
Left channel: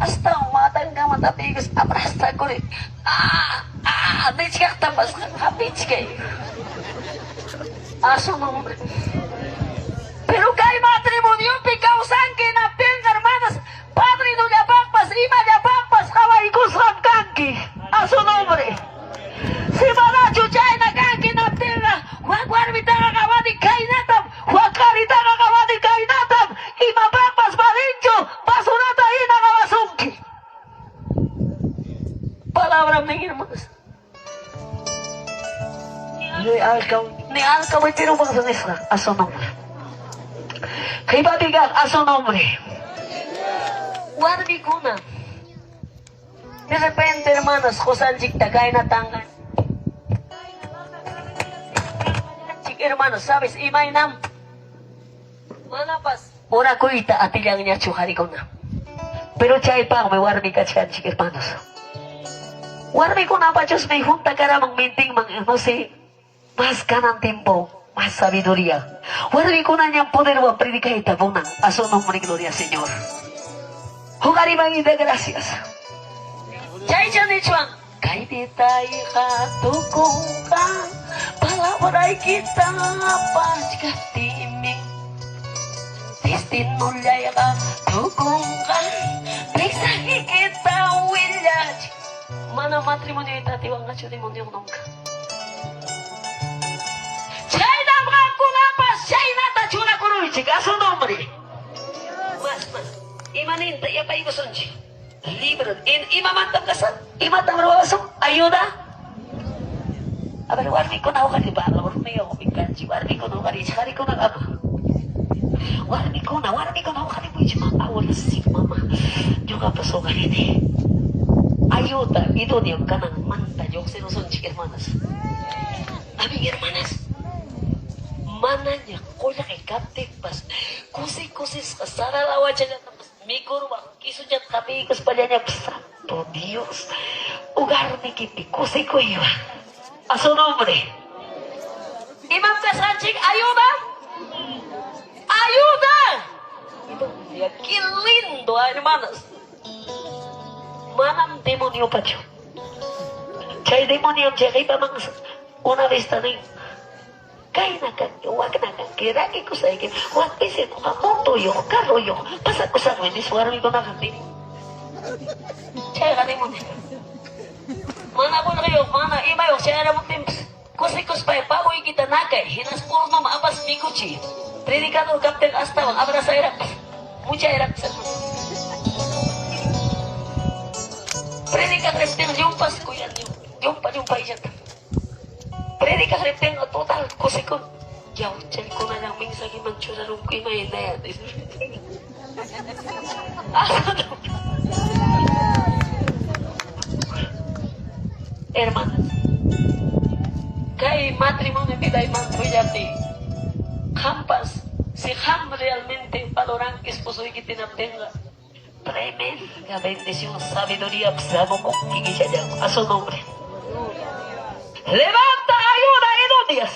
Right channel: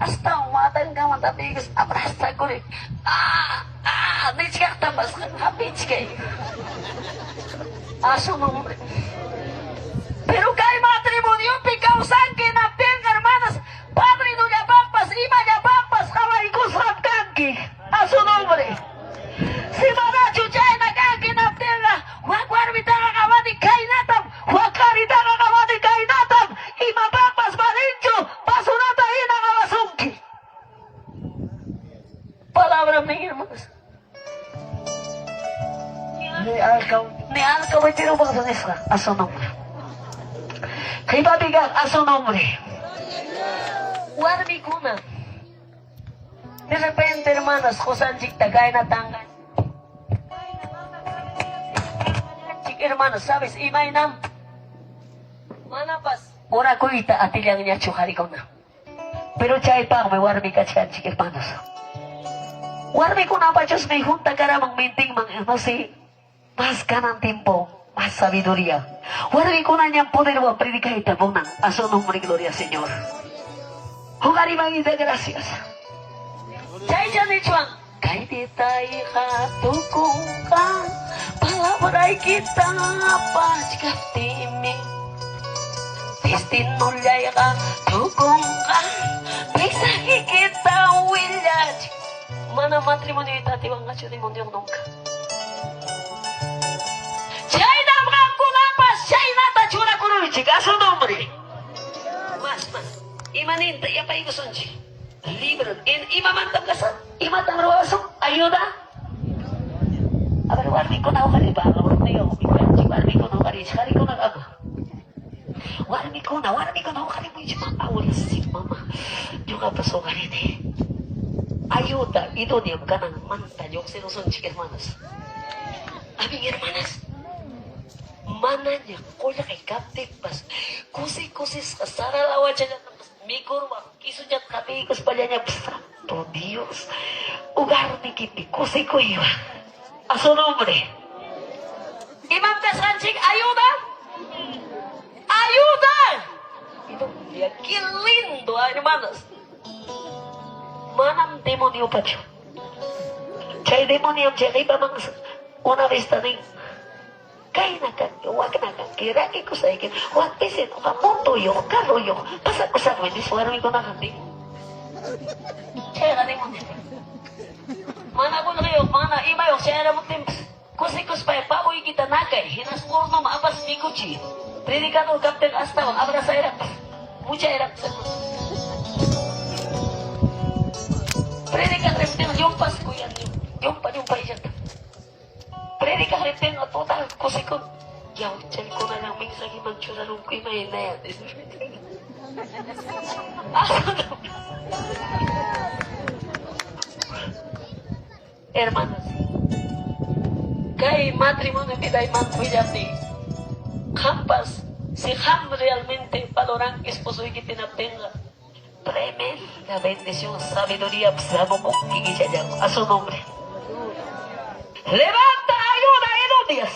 Hasta umatan ka matapigas, abrasta ko rin. Nechikak tapas, hapich kay. Aso mambre. Pero kay matrimonio picausan que na tenga, hermanas, padre no yapakpas, ima yapakpas, kawarikos ramkanki, a su nombre. Si manacho chay na kanki na tenga, huakwarmita kakawadi kainatam, huaklarita kakawadi kainatam, ima pakpas marincho, pasunat Ni alcahuete tinubang sa Isra. A su nombre. Kaibigan, a su nombre. Warmi kuna. De repente, hermanos, Josanchik tagay na tangan. Hermanos, ¿sabes? Imainam. Manapas. Ora kuita atilang niya chuhari ko na. Pero chay pa may warmi ka chan, chik hermanos. Warmi ko na pa Diyos may junta ka ramang minting no sé, más ganang tiempo, más sabiduría. Warmi ko na niyang poder wa predica itabunan. A su nombre, gloria, Señor. Jugari bangida, gracias. Chay chan ni chuan. Kay di tayo katukong ka, palawaray kita pagkatiming. Tistinulay ka, tukong ka, pigsaki kita wilyaj. Mana matrimonyo itatiwang nga siya nungka. Chay damgang kunapas, chay nata chuna kuruichik, aso nombre. Mas, imaninta, yapay ko sonchi. Libro, imamantam ka sa, imatang roso, ayuda. Aber warmi ko na ako kani ba? Warmi ko na kani, hari ko na ako. Warmi ko na ako kani mo yung matawal si mama. Juga pasokan ini. Ayuda, ito niya ka ng manta, yung sinusunod hermanas. Aming hermanas, mana niya, kuya kay kaptik pas, kusi-kusis, kasaralawa siya niya, Mikurwa, kiso dyan kami, kus pala niya, Santo Dios, ugar ni Kiti, kusi ko iwa. A su nombre. Imam Kasanchik, ayuda! Ayuda! Ito, qué lindo, hermanos. Manang demonyo pa dyan. Chay demonyo, chay pa mang una vez tanin. Kaya na kan, huwag na kan, kiraki ko sa ikin, huwag pisin, moto yo, karo yo, pasak ko sa mo, hindi suwarami ko na kanti. Chay ka mo nila. Mana ko na kayo, mana, iba yo, siya mo timps. Kusikos pa, pauwi kita nakay, hinaskur no maapas mikuchi. Predikador kapten astawa, abra sa irak. Mucha irak sa. Predikador kapten, yung pas ko yan. Yung pa yan. Predica repten total cosa ko. Yaw, cari ko na lang ming sagi magsurarong ko may na yan. Hermanas, kay matrimonio kita ay mantruyati. Hampas, si Ham realmente valorang esposo y que tenga tremenda bendición, sabiduría, psamo kong kikisya a su nombre. Levanta ayuda idóneas.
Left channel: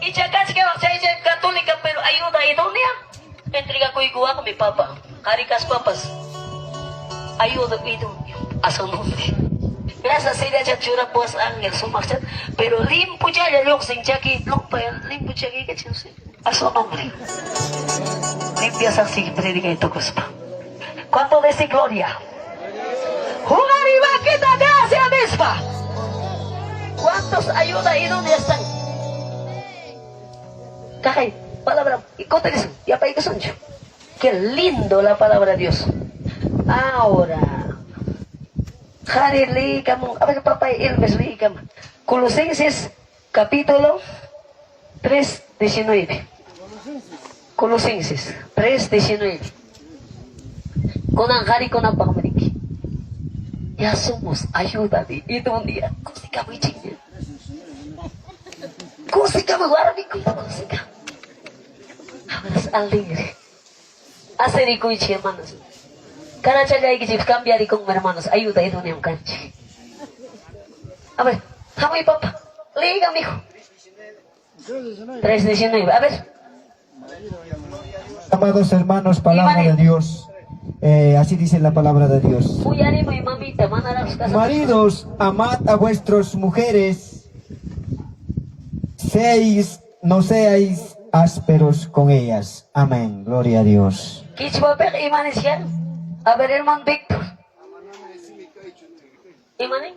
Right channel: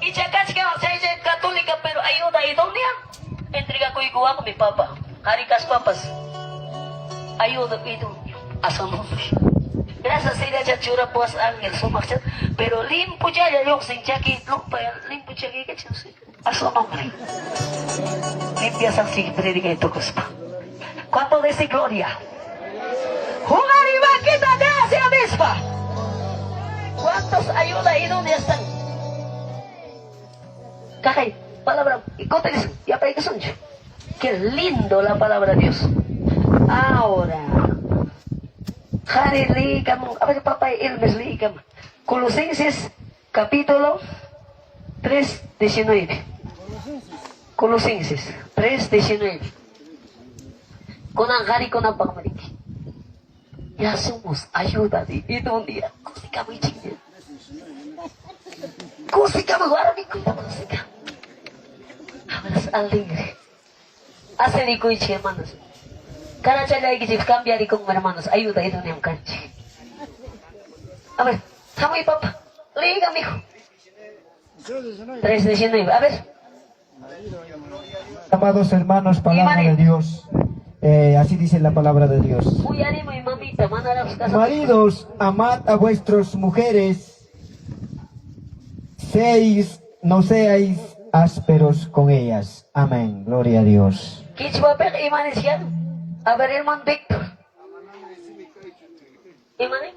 Y chacas que va a ser católica, pero ayuda idónea. Entrega ko igual con mi papá. Harikas papas. Ayuda idónea. A su nombre. Gracias a Dios, chura pues ángel sumaksat. Pero limpo ya yung sin chaki. Lupa yan. Limpo chaki que chuse. A su nombre. Limpias así, predica ito kuspa. ¿Cuánto dice gloria? Jugar y va a quitar gracias misma. ¿Cuántos ayuda y dónde están? Cajay, palabra, y cóteles, y apa que son yo. Qué lindo la palabra de Dios. Ahora, Harry a ver, papá, Elmes Likam. Colosenses, capítulo 3:19. Colosenses 3:19. Con Angari con Apamariki. Ya somos ayuda de idónea. Kusika mo iching. Kusika mo warami ko na kusika. Amaras alegre. Hacer ko ichi hermanos. Cada chala que se cambia con hermanos. Ayuda idónea un canchi. A ver, Jamu y papá. Liga, mijo. 3:19. A ver. Amados hermanos, palabra de Dios. Así dice la palabra de Dios. Maridos, amad a vuestras mujeres, no seáis ásperos con ellas. Amén. Gloria a Dios. A ver, hermano Víctor. ¿Imani?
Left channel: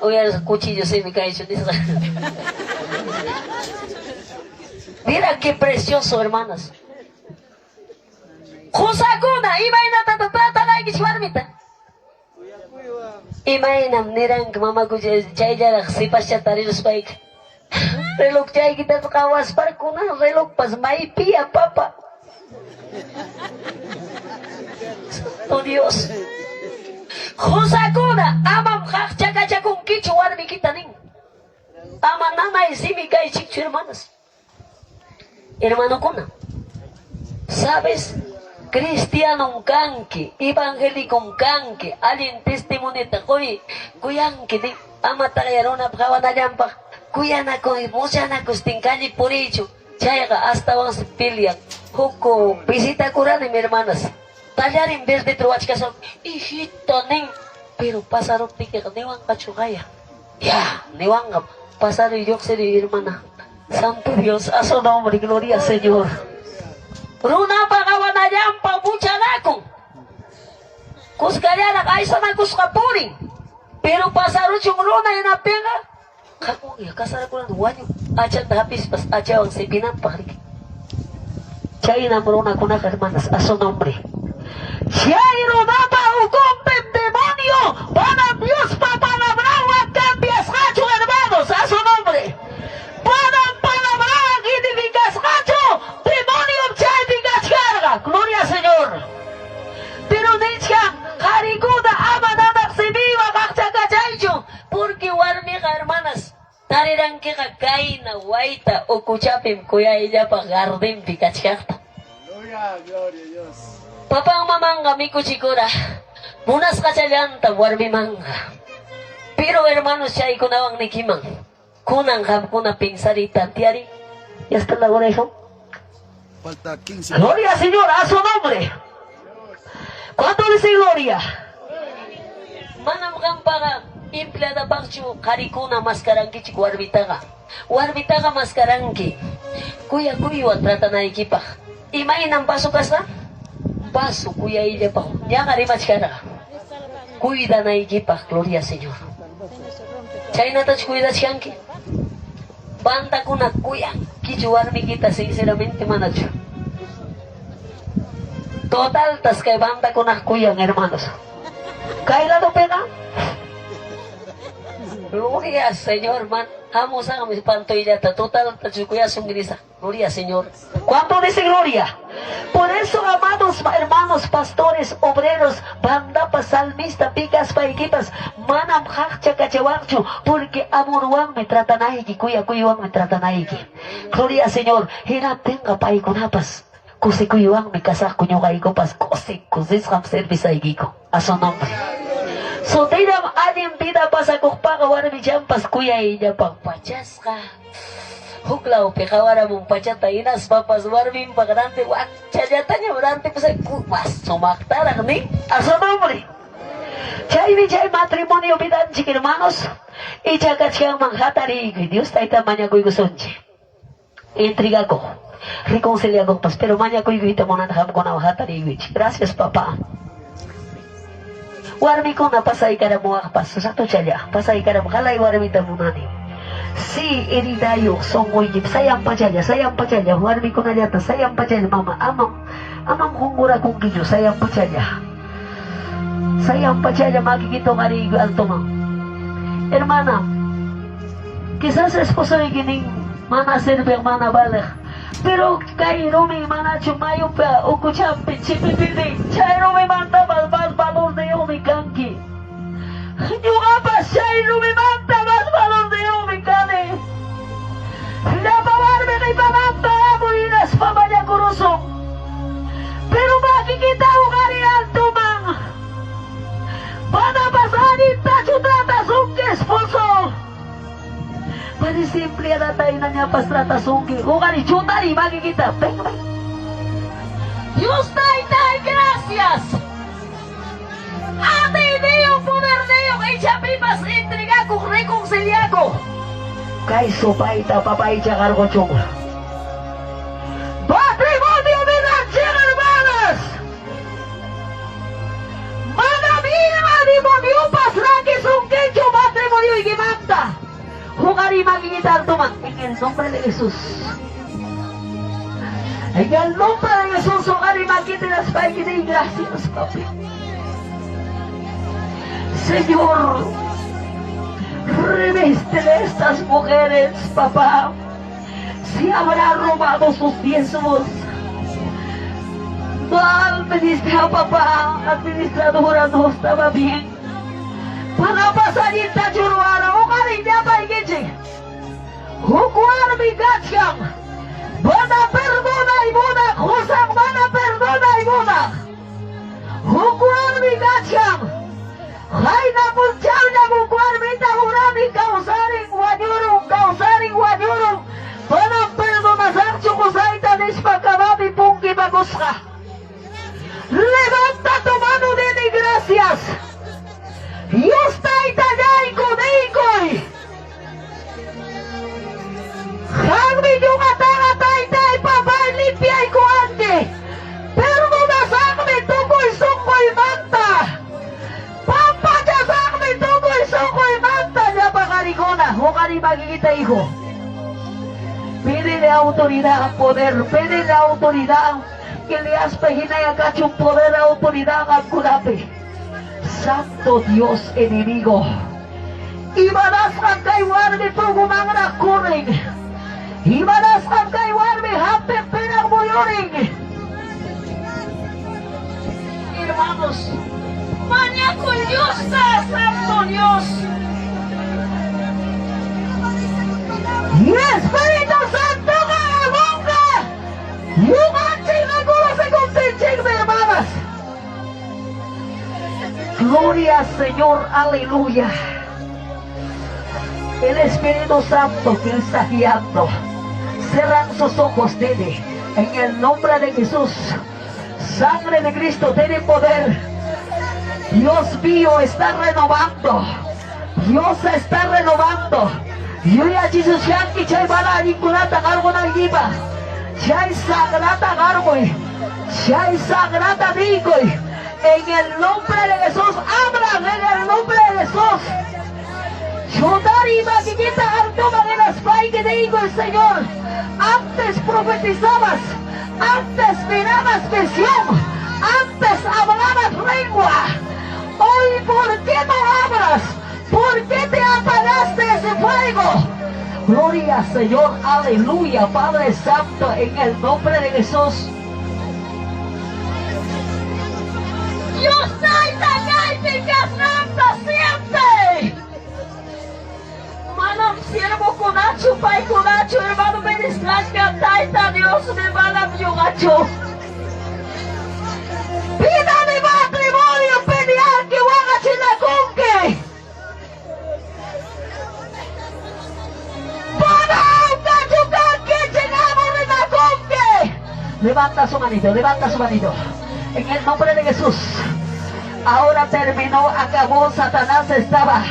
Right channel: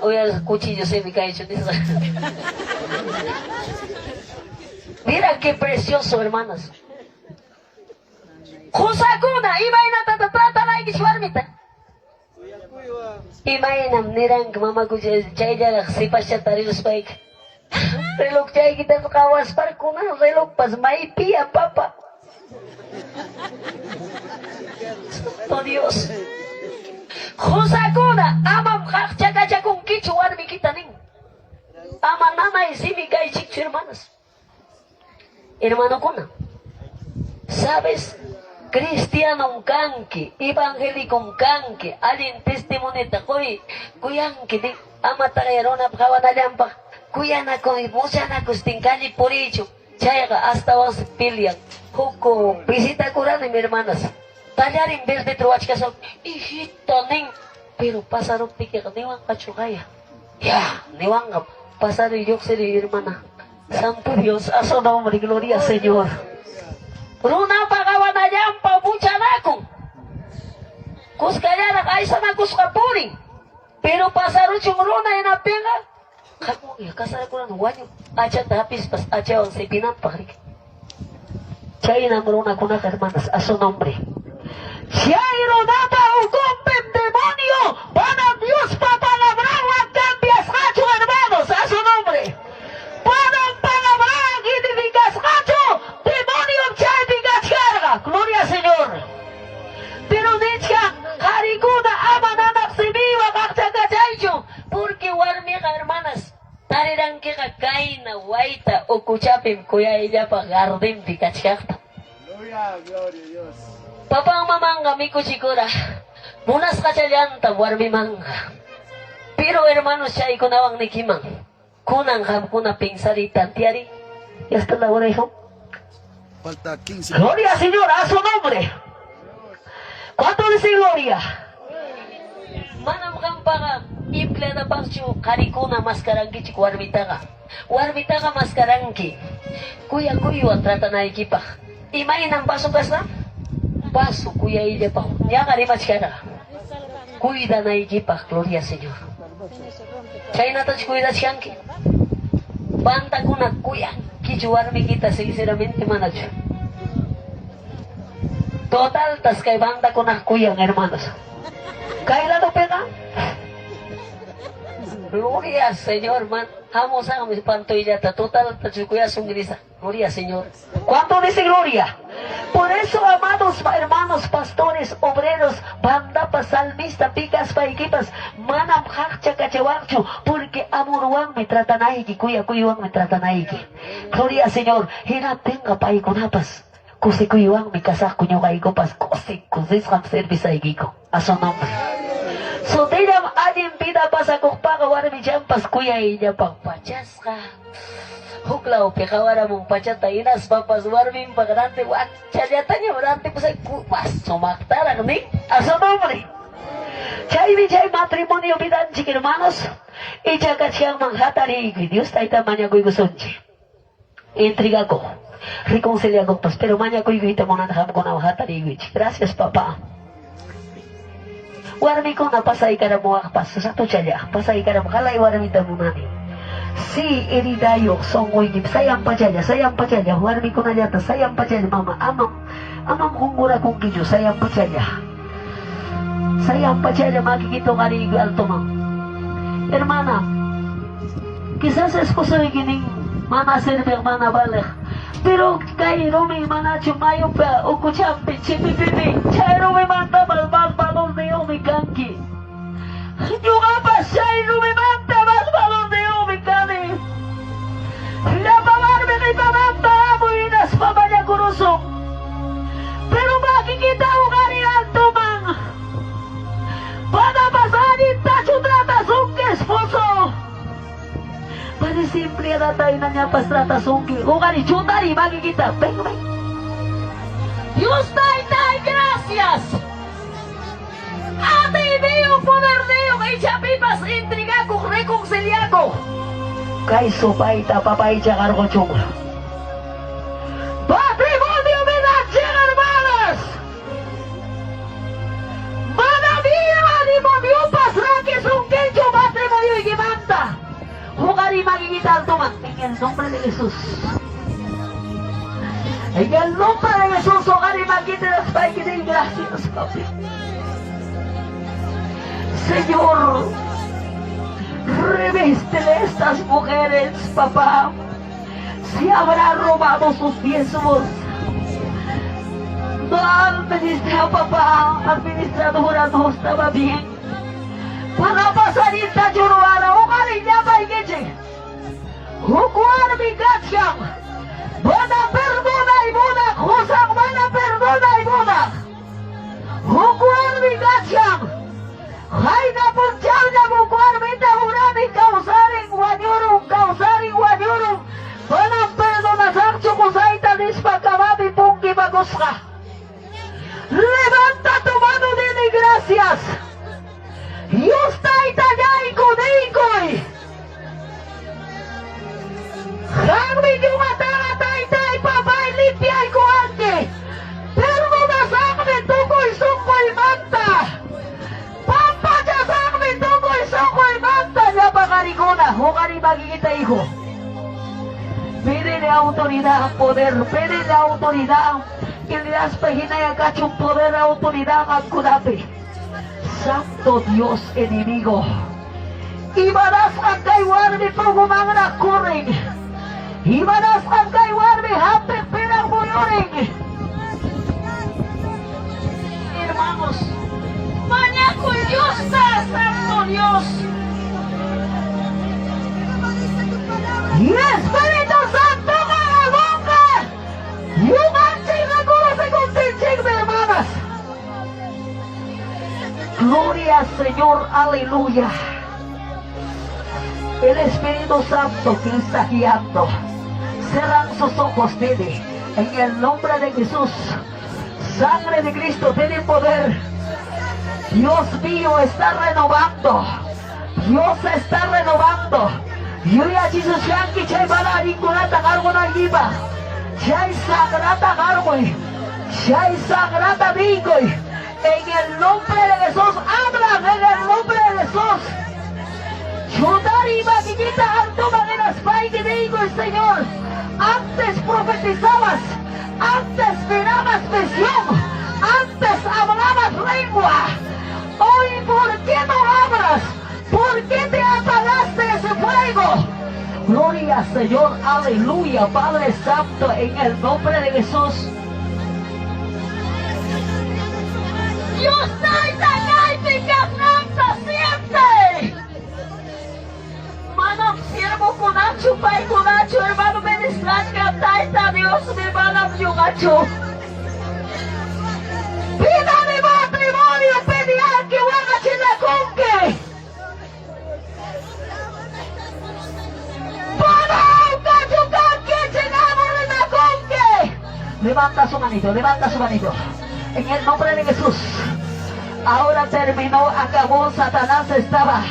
Hoy el cuchillo se me cae. Mira qué precioso, hermanas. Kusakuna, iba na tatatata lagi si Warmita. Imainam nirang mamaku jay jarak si pasya tarilus baik. Reloj jay kita pakawas par kuna reloj pas may pia papa. Oh Dios. Khosakuna amam kakcha kung kichuan mi kita ning. Ama nanay simi kay chichu hermanos. Hermano kuna. ¿Sabes? Cristiano kanki, evangélico kanki, alin testimonio takoy, kuyanki din, ama tagayarona pakawanalyan pa, kuyana ko, imusya ko stingkali por ello, chayga hasta was pilian, huko, visita kurani mi hermanas, talarin verde truach kasal, hijito ning, pero pasaron tika ka, niwang kachukaya, ya, niwang ka, pasaron yok sa hermana, Santo Dios, a su nombre, gloria al Señor. Runa pakawanayang pabuchan ako. Kuskaya nakaisa na kuskapuri. Pero pasarot yung runa yung napinga. Kako, kasara ko na nuwanyo. Acha tapis pas acha ang sibinan pari. Chay na runa ko na hermanas, a su nombre. Chay runata ugompem demonio. Para Dios papalabrao at cambias hacho hermanos, a su nombre. Para palabrao inibigas hacho. Demonio chay bigas carga. Gloria al Señor. Pero dicha, harikuda amananak sibiwa kakchakachaycho. Porque warmiga hermanas. Tarirang kikakain na waita o kuchapim kuya ella pa garden pikachakta. Gloria, gloria a Dios. Papang mamanga miku chikura. Munas kachayanta warmi manga. Pero hermanos siya ikunawang nikimang. Kunang ham kuna pingsarita tiari. Ya está la hora hijo. Falta 15. Gloria al Señor, a su nombre. ¿Cuánto dice gloria? Manam kampaga implada bakchu karikuna maskarangki chik warmitaga. Warmitaga maskarangki. Kuya trata na ikipa. Imay ng paso kasa? Paso kuya ile pa. Yang arimas kana. Cuida na ikipa, gloria al Señor. Chay na touch cuida siyanki. Banda kuna kuya. Kichuarmi kita sinceramente manacho. Total tas kay banda kuna kuya hermanos. Kaya do pega? Gloria Señor man. Vamos a mis pantoyata. Total tas kuya sungirisa. Gloria Señor. ¿Cuánto dice gloria? Por eso, amados hermanos, pastores, obreros, banda salmista, picas, paiquitas, manam hacha cachawancho, porque amorwan me tratan ahí, kuya kuyuan me tratan ahí. Gloria al Señor, hirap tenga pa ikunapas, kusi kuyuan me kasah kunyo kaikopas, kusi ham service ahí kiko, a su nombre. So tinam alim tida pasa kukpaga warmi jampas kuya ella pagpachasca. Huklaw pikawara mong pachata inas papas warming pagdante wat chayatanya berante pasay kupas sumaktarang ni a su nombre. Chay matrimonio bidan chik hermanos ichakat siyang manghatari Dios taita manya ko'y gusonche intriga ko reconcilia ko pas pero manya ko'y guhita mo na nakam ko na hatari gracias papa warmi ko na pasay ka na muwak pas susakto chaya pasay ka na makalay warmi tamunani. Si Eridayo songoyip sayang pa siya warmi ko na yata sayang pa siya mama amam hungura kong kinyo sayang pa siya makikito ka rin alto mam hermana kisas esposo yung gining mana serve mana balik pero kay Rumi mana chumayo pa uko champin si pipiting chay Rumi manta balon de Rumi kanki yung apa chay Rumi manta balon de Rumi kani lapawar me kay pamanta mo inas pabaya kurusong pero makikita ko kari alto mang panapasanin tachutrata sungke esposo pari simple na tayo na niya pastrata sungke o kari chutari makikita bang Dios tay gracias ate ideo poner deo kay chapipas intriga kung reconciliago kay sopaita papaicha cargo chung patrimonio de la hermanas manabira demonio pasrake sungkecho patrimonio igimanta hukari magigita tuman en el nombre de Jesús. En el nombre de Jesús, hukari magigita las paikitas y gracias papi. Señor, revístele estas mujeres, papá. Si habrá robado sus diezmos, no administra, papá, administradora no estaba bien. Para pasarita churuara, o cariña paigiche. Hukuar mi gachang. Bana perdona y bona, Josang bana perdona y bona. Hukuar mi gachang. Haina punchang na hukuar mi tahurani kausaring wanyurung. Bana perdona sakcho kusaita nispakamabi pungki baguska. Levanta tu mano de gracias. Y usted itagay kunikoy. Hangmi yung atay papay limpiyay ko anke. Pero nasakmi tukoy sukoy manta. Pampagkasakmi tukoy sukoy manta. Niya pakarikona. Hukari magigita hijo. Pídele autoridad ang poder. Pídele autoridad que le has paginay ang kachong poder, autoridad ang kunapi. Santo Dios enemigo. Ibadas ang kaywarmi pugumang na kuring. Ibadas ang kaywarmi hapit pinang buyuring. Hermanos, mañaco Dios está, Santo Dios. Y Espíritu Santo Garagonga. Yung anching regulo se continching, hermanas. Gloria al Señor, aleluya. El Espíritu Santo que está guiando. Cerran sus ojos, tiene. En el nombre de Jesús. Sangre de Cristo tiene poder. Dios mío está renovando. Dios está renovando. Yo ya Jesús Yanki chay para vinculata cargo na iba. Chay sagrata cargo. Chay sagrata digo. En el nombre de Jesús, hablan en el nombre de Jesús. Yodari Magigita Antoma en las pay que digo el Señor. Antes profetizabas, antes mirabas visión, antes hablabas lengua. Hoy, ¿por qué no hablas? ¿Por qué te apagaste ese fuego? Gloria al Señor, aleluya, Padre Santo, en el nombre de Jesús. Dios te siente. Manam siervo conacho, pai conacho, hermano ministras que taita Dios me manam yugacho. Pida mi matrimonio, pediar que huaga chinaconque. Para un cachucar que llegamos en la conque. Levanta su manito. En el nombre de Jesús. Ahora terminó, acabó. Satanás estaba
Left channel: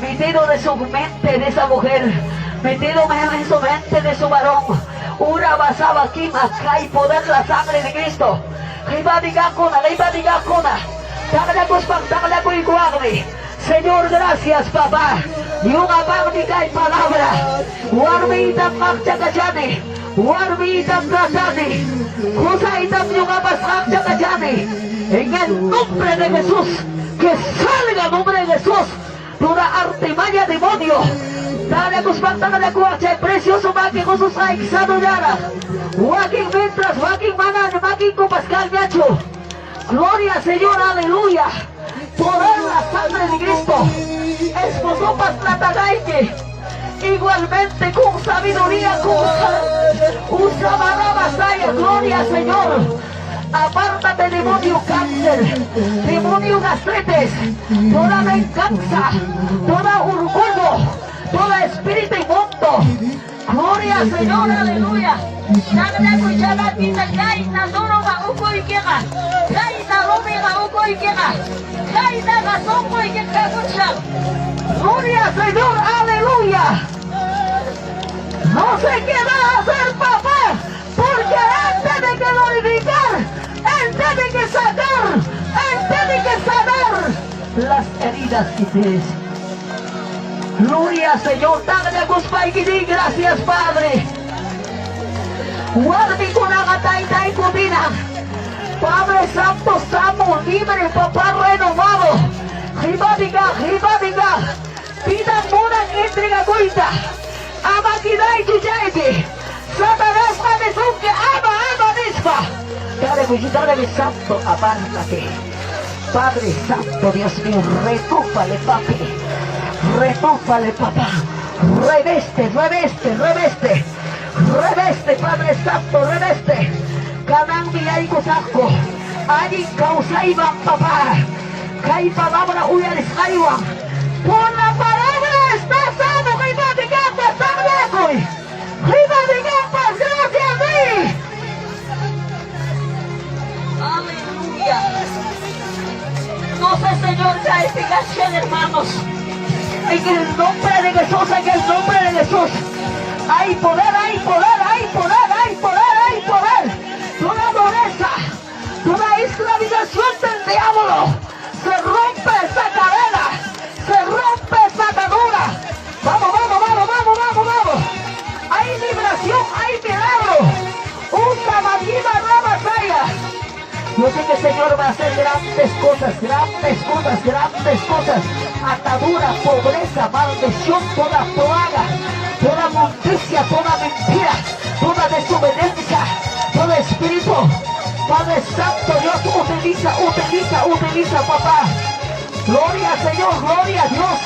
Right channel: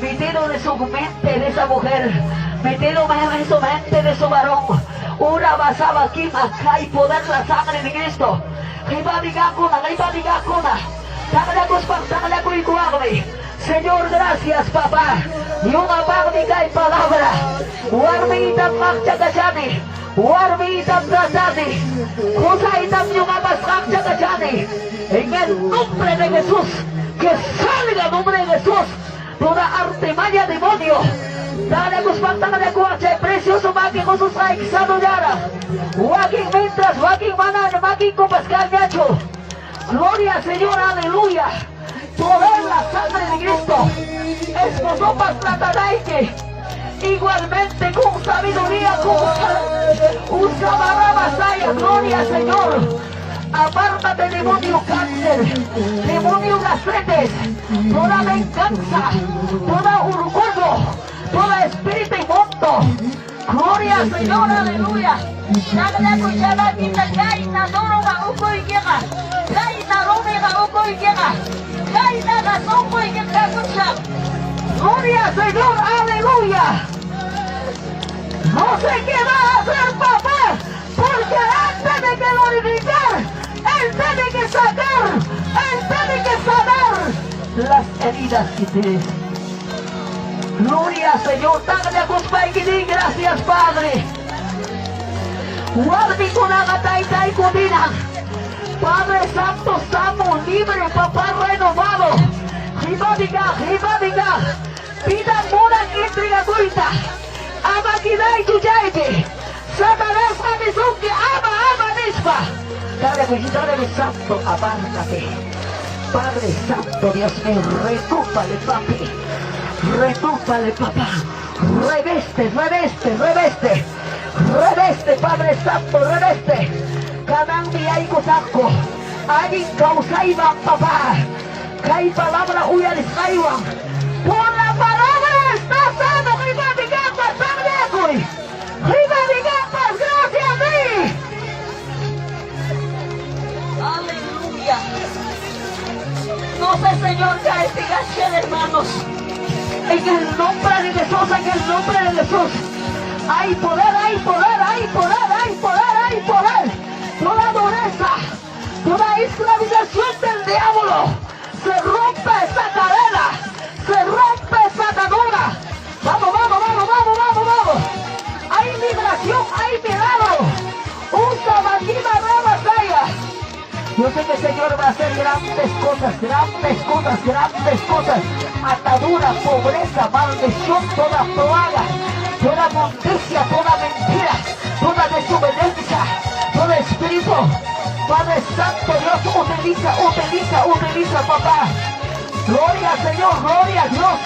metido de su mente de esa mujer, metido en su mente de su varón. Una basaba aquí, acá y poder la sangre de Cristo. Señor, gracias, papá. Y una magnífica palabra. Warmitam magchakachani. Warmitam tratani. Kusaitam yung magchakachani. En el nombre de Jesús. Que salga el nombre de Jesús. Toda artimaña demonio. Dale kuspantang na kuwache. Precioso maki kususay kisanuyara. Waking mientras, waking manan, waking kupascal nacho. Gloria al Señor, aleluya. Poder la sangre de Cristo. Esposo pastatagaike. Igualmente con sabiduría, usa barabasaya. Gloria al Señor. Apártate, demonio cáncer, demonio gastritis, toda venganza, toda orgullo, toda espíritu inmundo. Gloria al Señor, aleluya. Nada escuchaba quita caina, duro ma uko ikema, caina rumi ma uko ikema, caina gasongo ikema escucha. Gloria al Señor, aleluya. No sé qué va a hacer, papá, porque antes de que glorificar, Él tiene que sacar, Él tiene que sanar las heridas que tienes. Gloria al Señor, gracias, Padre. Guardi con agatay ko bina. Padre Santo, estamos libres, papá renovado. Hibadiga, pinang munang intrigaguita, amakinay tujaiti, Satanás kamisungke, ama misma. Dale mi santo, apártate. Padre Santo, Dios mío, recúpale, papi. Recúpale, papá. Reveste, Padre Santo, reveste. Kanang niyay kusako. Aning kausaibang, papá. Kay palabra uyalis kaywang. Por la palabra está sano, kay matigapas, sanlekoy. Kay matigapas, gracias a ti. Aleluya. No sé, Señor, ya estigación, hermanos. En el nombre de Jesús, en el nombre de Jesús. Hay poder, hay poder, hay poder, hay poder, hay poder. Toda dureza, toda esclavización del diablo. Se rompe esta cadena, se rompe esta atadura. Vamos. Hay liberación, hay milagro. Usa la vida nueva saya. Yo sé que el Señor va a hacer grandes cosas. Atadura, pobreza, maldición, toda plaga, toda monticia, toda mentira, toda desobediencia, todo espíritu. Padre Santo, Dios utiliza, papá. Gloria al Señor, gloria a Dios.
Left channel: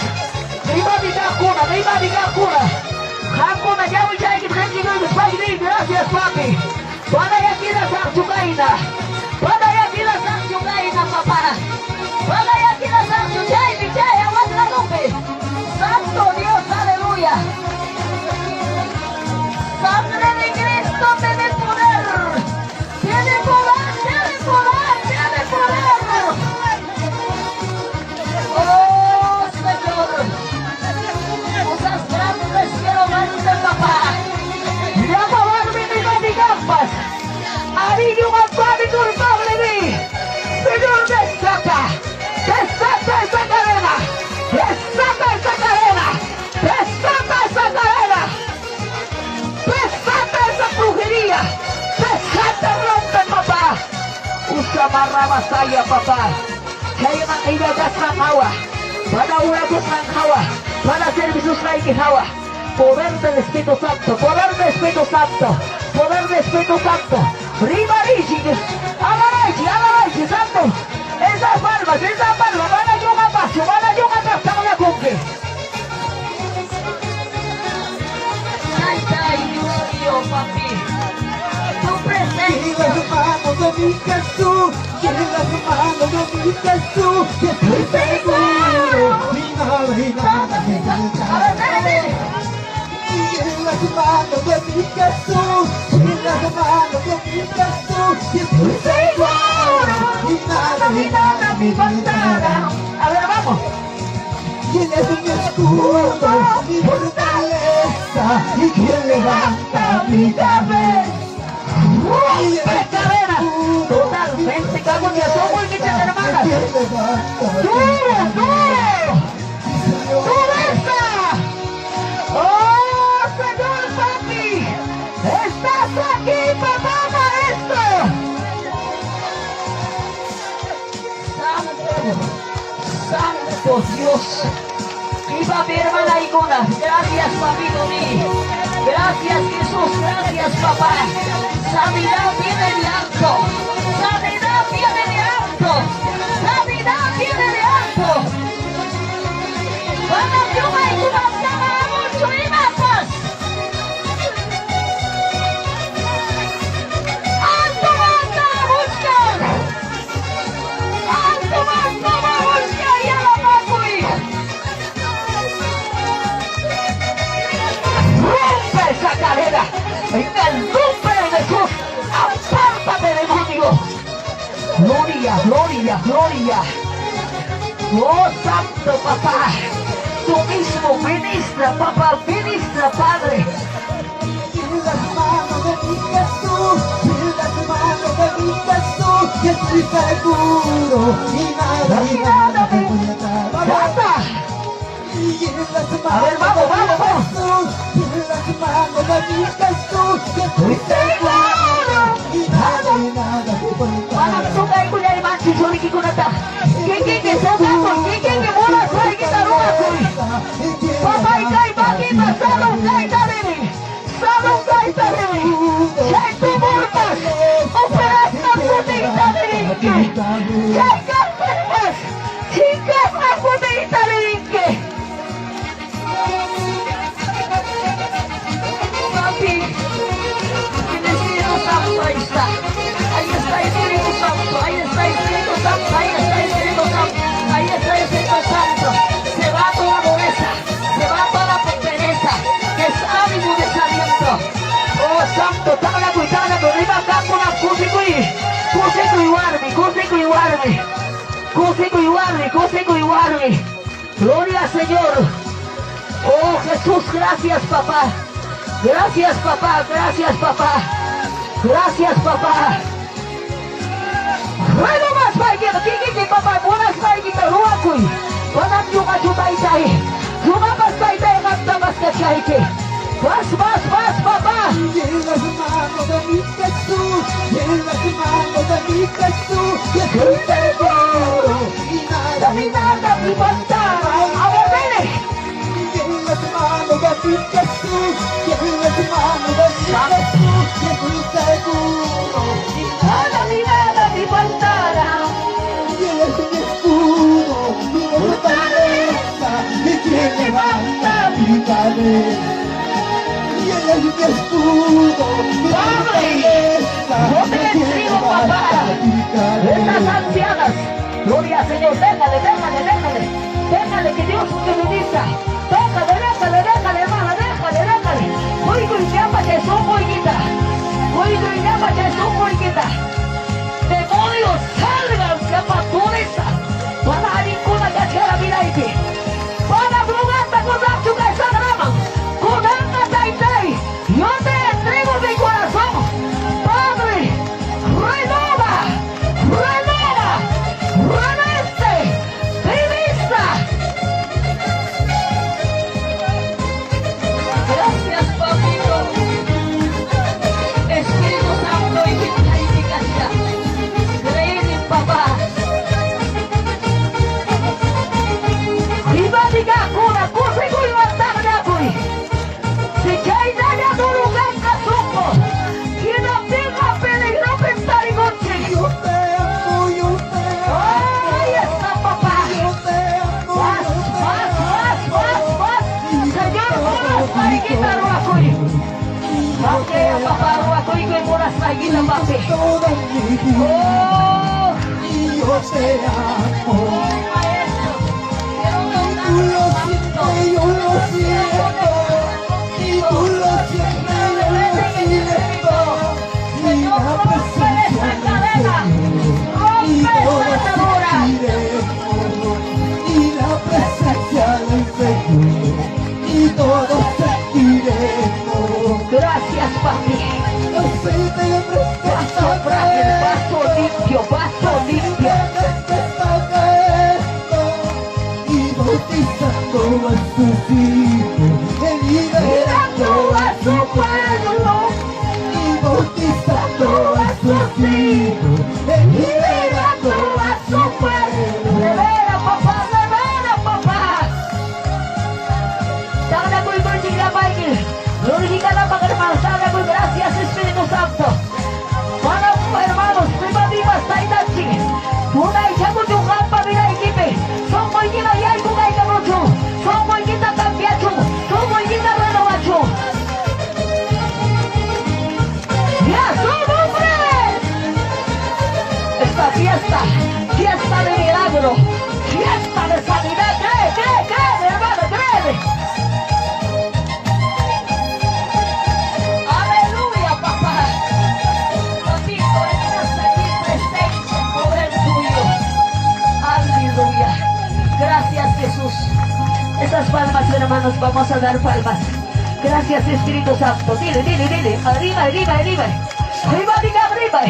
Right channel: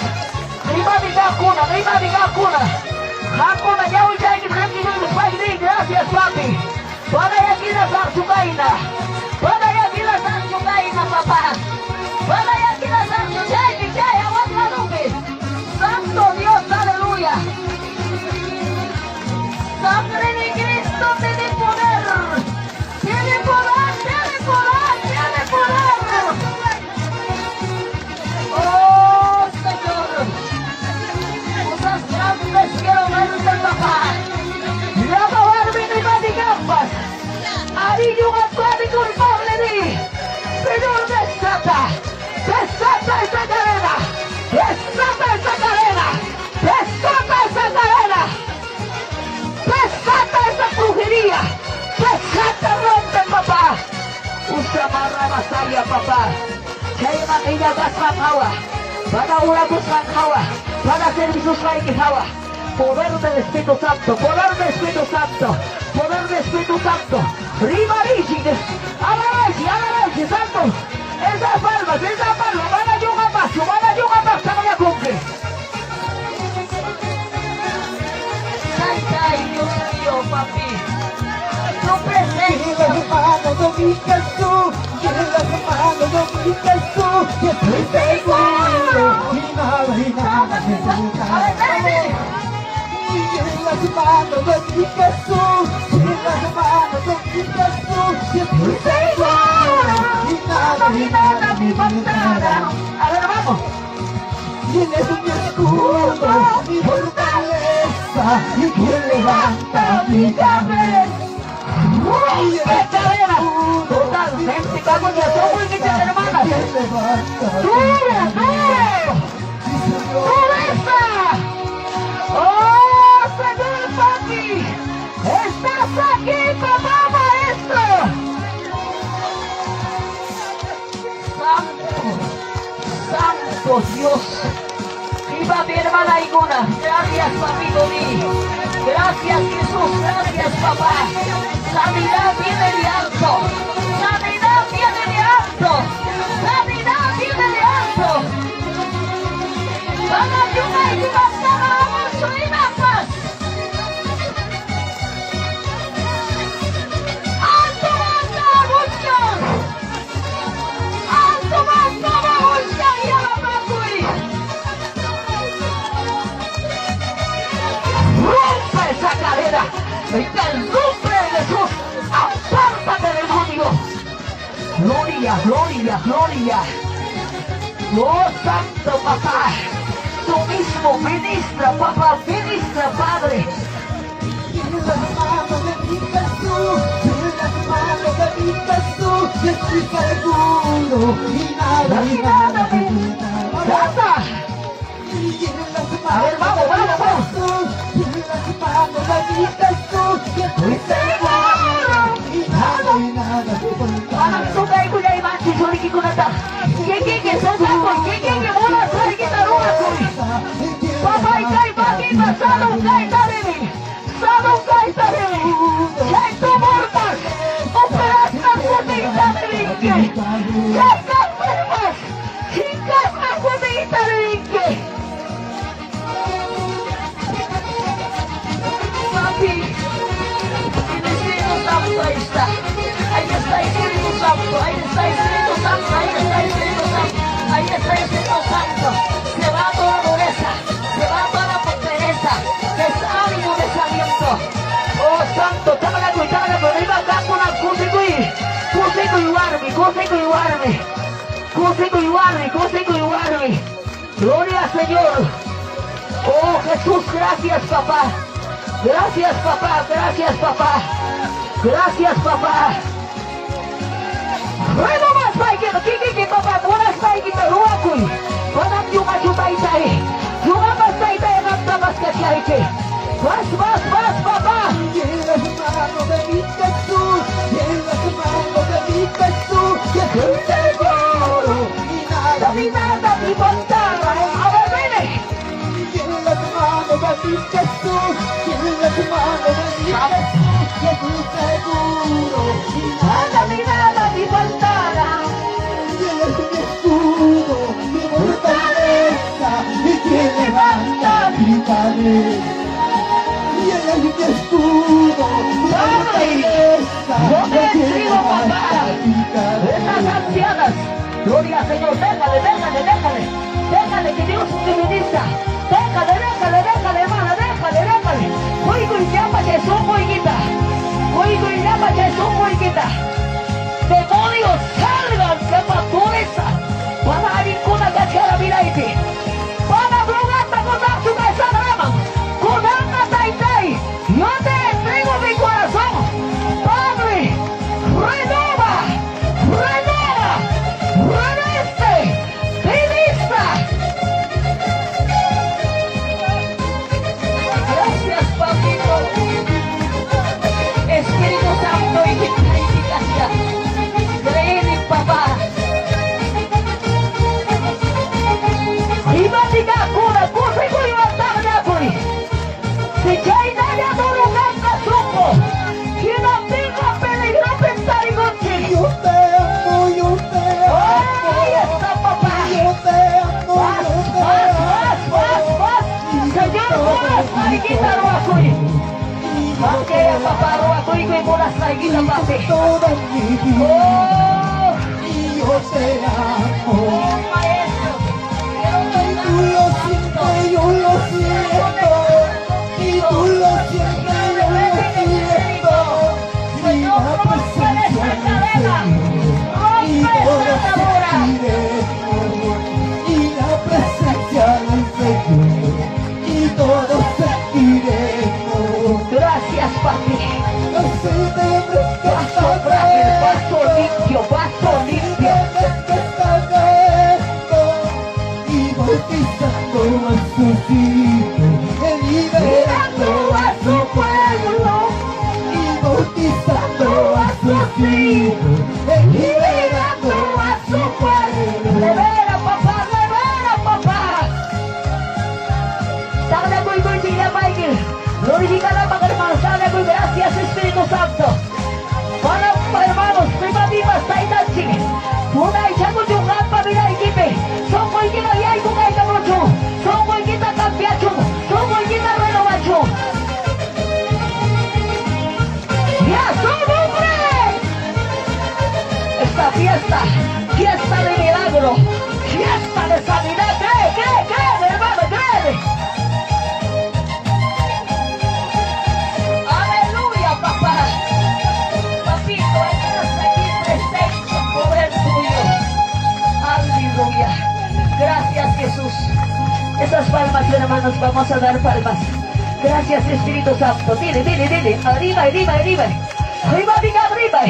Gracias, papi. Para aquí la sanchucaina, papá. Para aquí la sanchucaina, aguanta lumbre. Santo Dios, aleluya. Sangre de Cristo tiene poder. Tiene poder. Oh, Señor. Esas grandes quiero verte, papá. Ahí yo padre culpable de mí. Señor, desata esa cadena, desata esa brujería, rompe, papá. Usa marra masaya, papá. Kaya manila da sangawa, para urago sangawa, para servicios hawa. Poder del Espíritu Santo, poder del Espíritu Santo. Rimariji, alabaiji, Santo. Esa palma, van a yo a paso, la conque. Ay, Dios mío, papi. Tu presencia. Yo estoy seguro. En las manos de mi Jesús, estoy seguro, y nada me faltará. A ver, vamos. Él es mi escudo, mi fortaleza, y quien levanta mi cabeza. Cadena, totalmente, como que somos muchas hermanas. ¡Dure! ¡Oh, Señor papi! ¡Estás aquí, papá maestro! Santo Dios. Viva mi hermana Iguna. Gracias, amigo mío. Gracias, Jesús. Gracias, papá. Sanidad viene de alto. Vamos, yo me mucho y más. ¡Alto, busca! ¡Y a la Macui! ¡Rompe esa cadena! ¡En el nombre de Jesús! ¡Apártate, demonio! ¡Gloria! ¡Oh, santo papá! Tú mismo ministra, papá, ministra, Padre. En las manos de mi Jesús, yo estoy seguro, y nada me faltará. ¡Basta! Y en las A ver, vamos. manos de mi Jesús, yo estoy seguro, y nada me faltará. Vamos, tú caes con la imagen, yo le quito una. ¿Quién que Papi, el Espíritu Santo ahí está. Ahí está el Espíritu Santo, ahí está el Espíritu Santo, ahí está el Espíritu Santo, ahí está el Espíritu Santo. Se va toda dureza, se va toda la pereza, desánimo y desaliento. Oh Santo, tábala, arriba acá con las cosas y guarde. Gloria al Señor. Oh Jesús, gracias papá. Gracias papá, gracias papá. Gracias papá. Bueno, más baiknya, kiki papá, buenas baiknya, ruakui. Panan cuma juta itai. Cuma pas itai ngata pas kacaike. Mas papá. En las manos de mi Jesús, en las manos de mi Jesús, que soy seguro y nada me faltará. A ver, dile. en las manos de mi Jesús, en las manos de mi Jesús, que soy seguro y Nada me faltará. Él es mi escudo, mi fortaleza, y quien levanta mi cabeza. Y Él es mi escudo, mi fortaleza, Yo te y quien bendigo, papá. levanta mi Estas cabeza. ancianas, gloria al Señor, déjale, que Dios te bendiga. Déjale, hermana, déjale. Oigo y llama Jesús, oiguita. Demonios, salgan, que patureza. Para ninguna cachara, mira aquí. Para blogata con la su cabeza, con Ana Taitai. Yo te entrego mi corazón. Padre, renova, reveste, revista. Gracias, papito. Espíritu Santo y gracia. Creer, papá. Viva diga cura, cosa y levantar de apuri. Si cae ya no lo gasta supo. Si la tenga peligro pensar y contigo. Yo te amo, yo te amo. Ahí está, papá. Yo te amo, Vas. yo te amo. Señor, vas, mariquita, ruacuri. Ok, papá, ruacuri, que moras, mariquita, papi. Toda mi vida, Oh, y yo te amo. maestro. Tú lo sientes, yo lo siento. Y tú lo sientes, yo lo siento. Y la presencia del Señor. Y todo sentiremos. Y la presencia del Señor. Y todo sentiremos. Gracias, papi. Aceite Vaso frágil, vaso limpio. y bautizando a sus hijos, liberando a su pueblo, y bautizando a sus hijos, liberando a su pueblo. Revela, papá. Sana ko'y siya, Michael. Glorifica la hermanos. Sana ko'y gracias, Espíritu Santo. Para hermanos, prima viva, Taitachi. Tunay siya ko yung kapamila ikipe. Somoy kita yay kung ay kamucho. Somoy kita kampiacho. Somoy kita renovacho. ¡Ya somos! Esta fiesta de milagro, fiesta de sanidad. Cree, hermano, cree. Aleluya, papá. Papito, estás aquí presente, poder tuyo. Aleluya. Gracias, Jesús. Estas palmas, hermanos, vamos a dar palmas. Gracias, Espíritu Santo. Dile. Arriba. Arriba, diga arriba.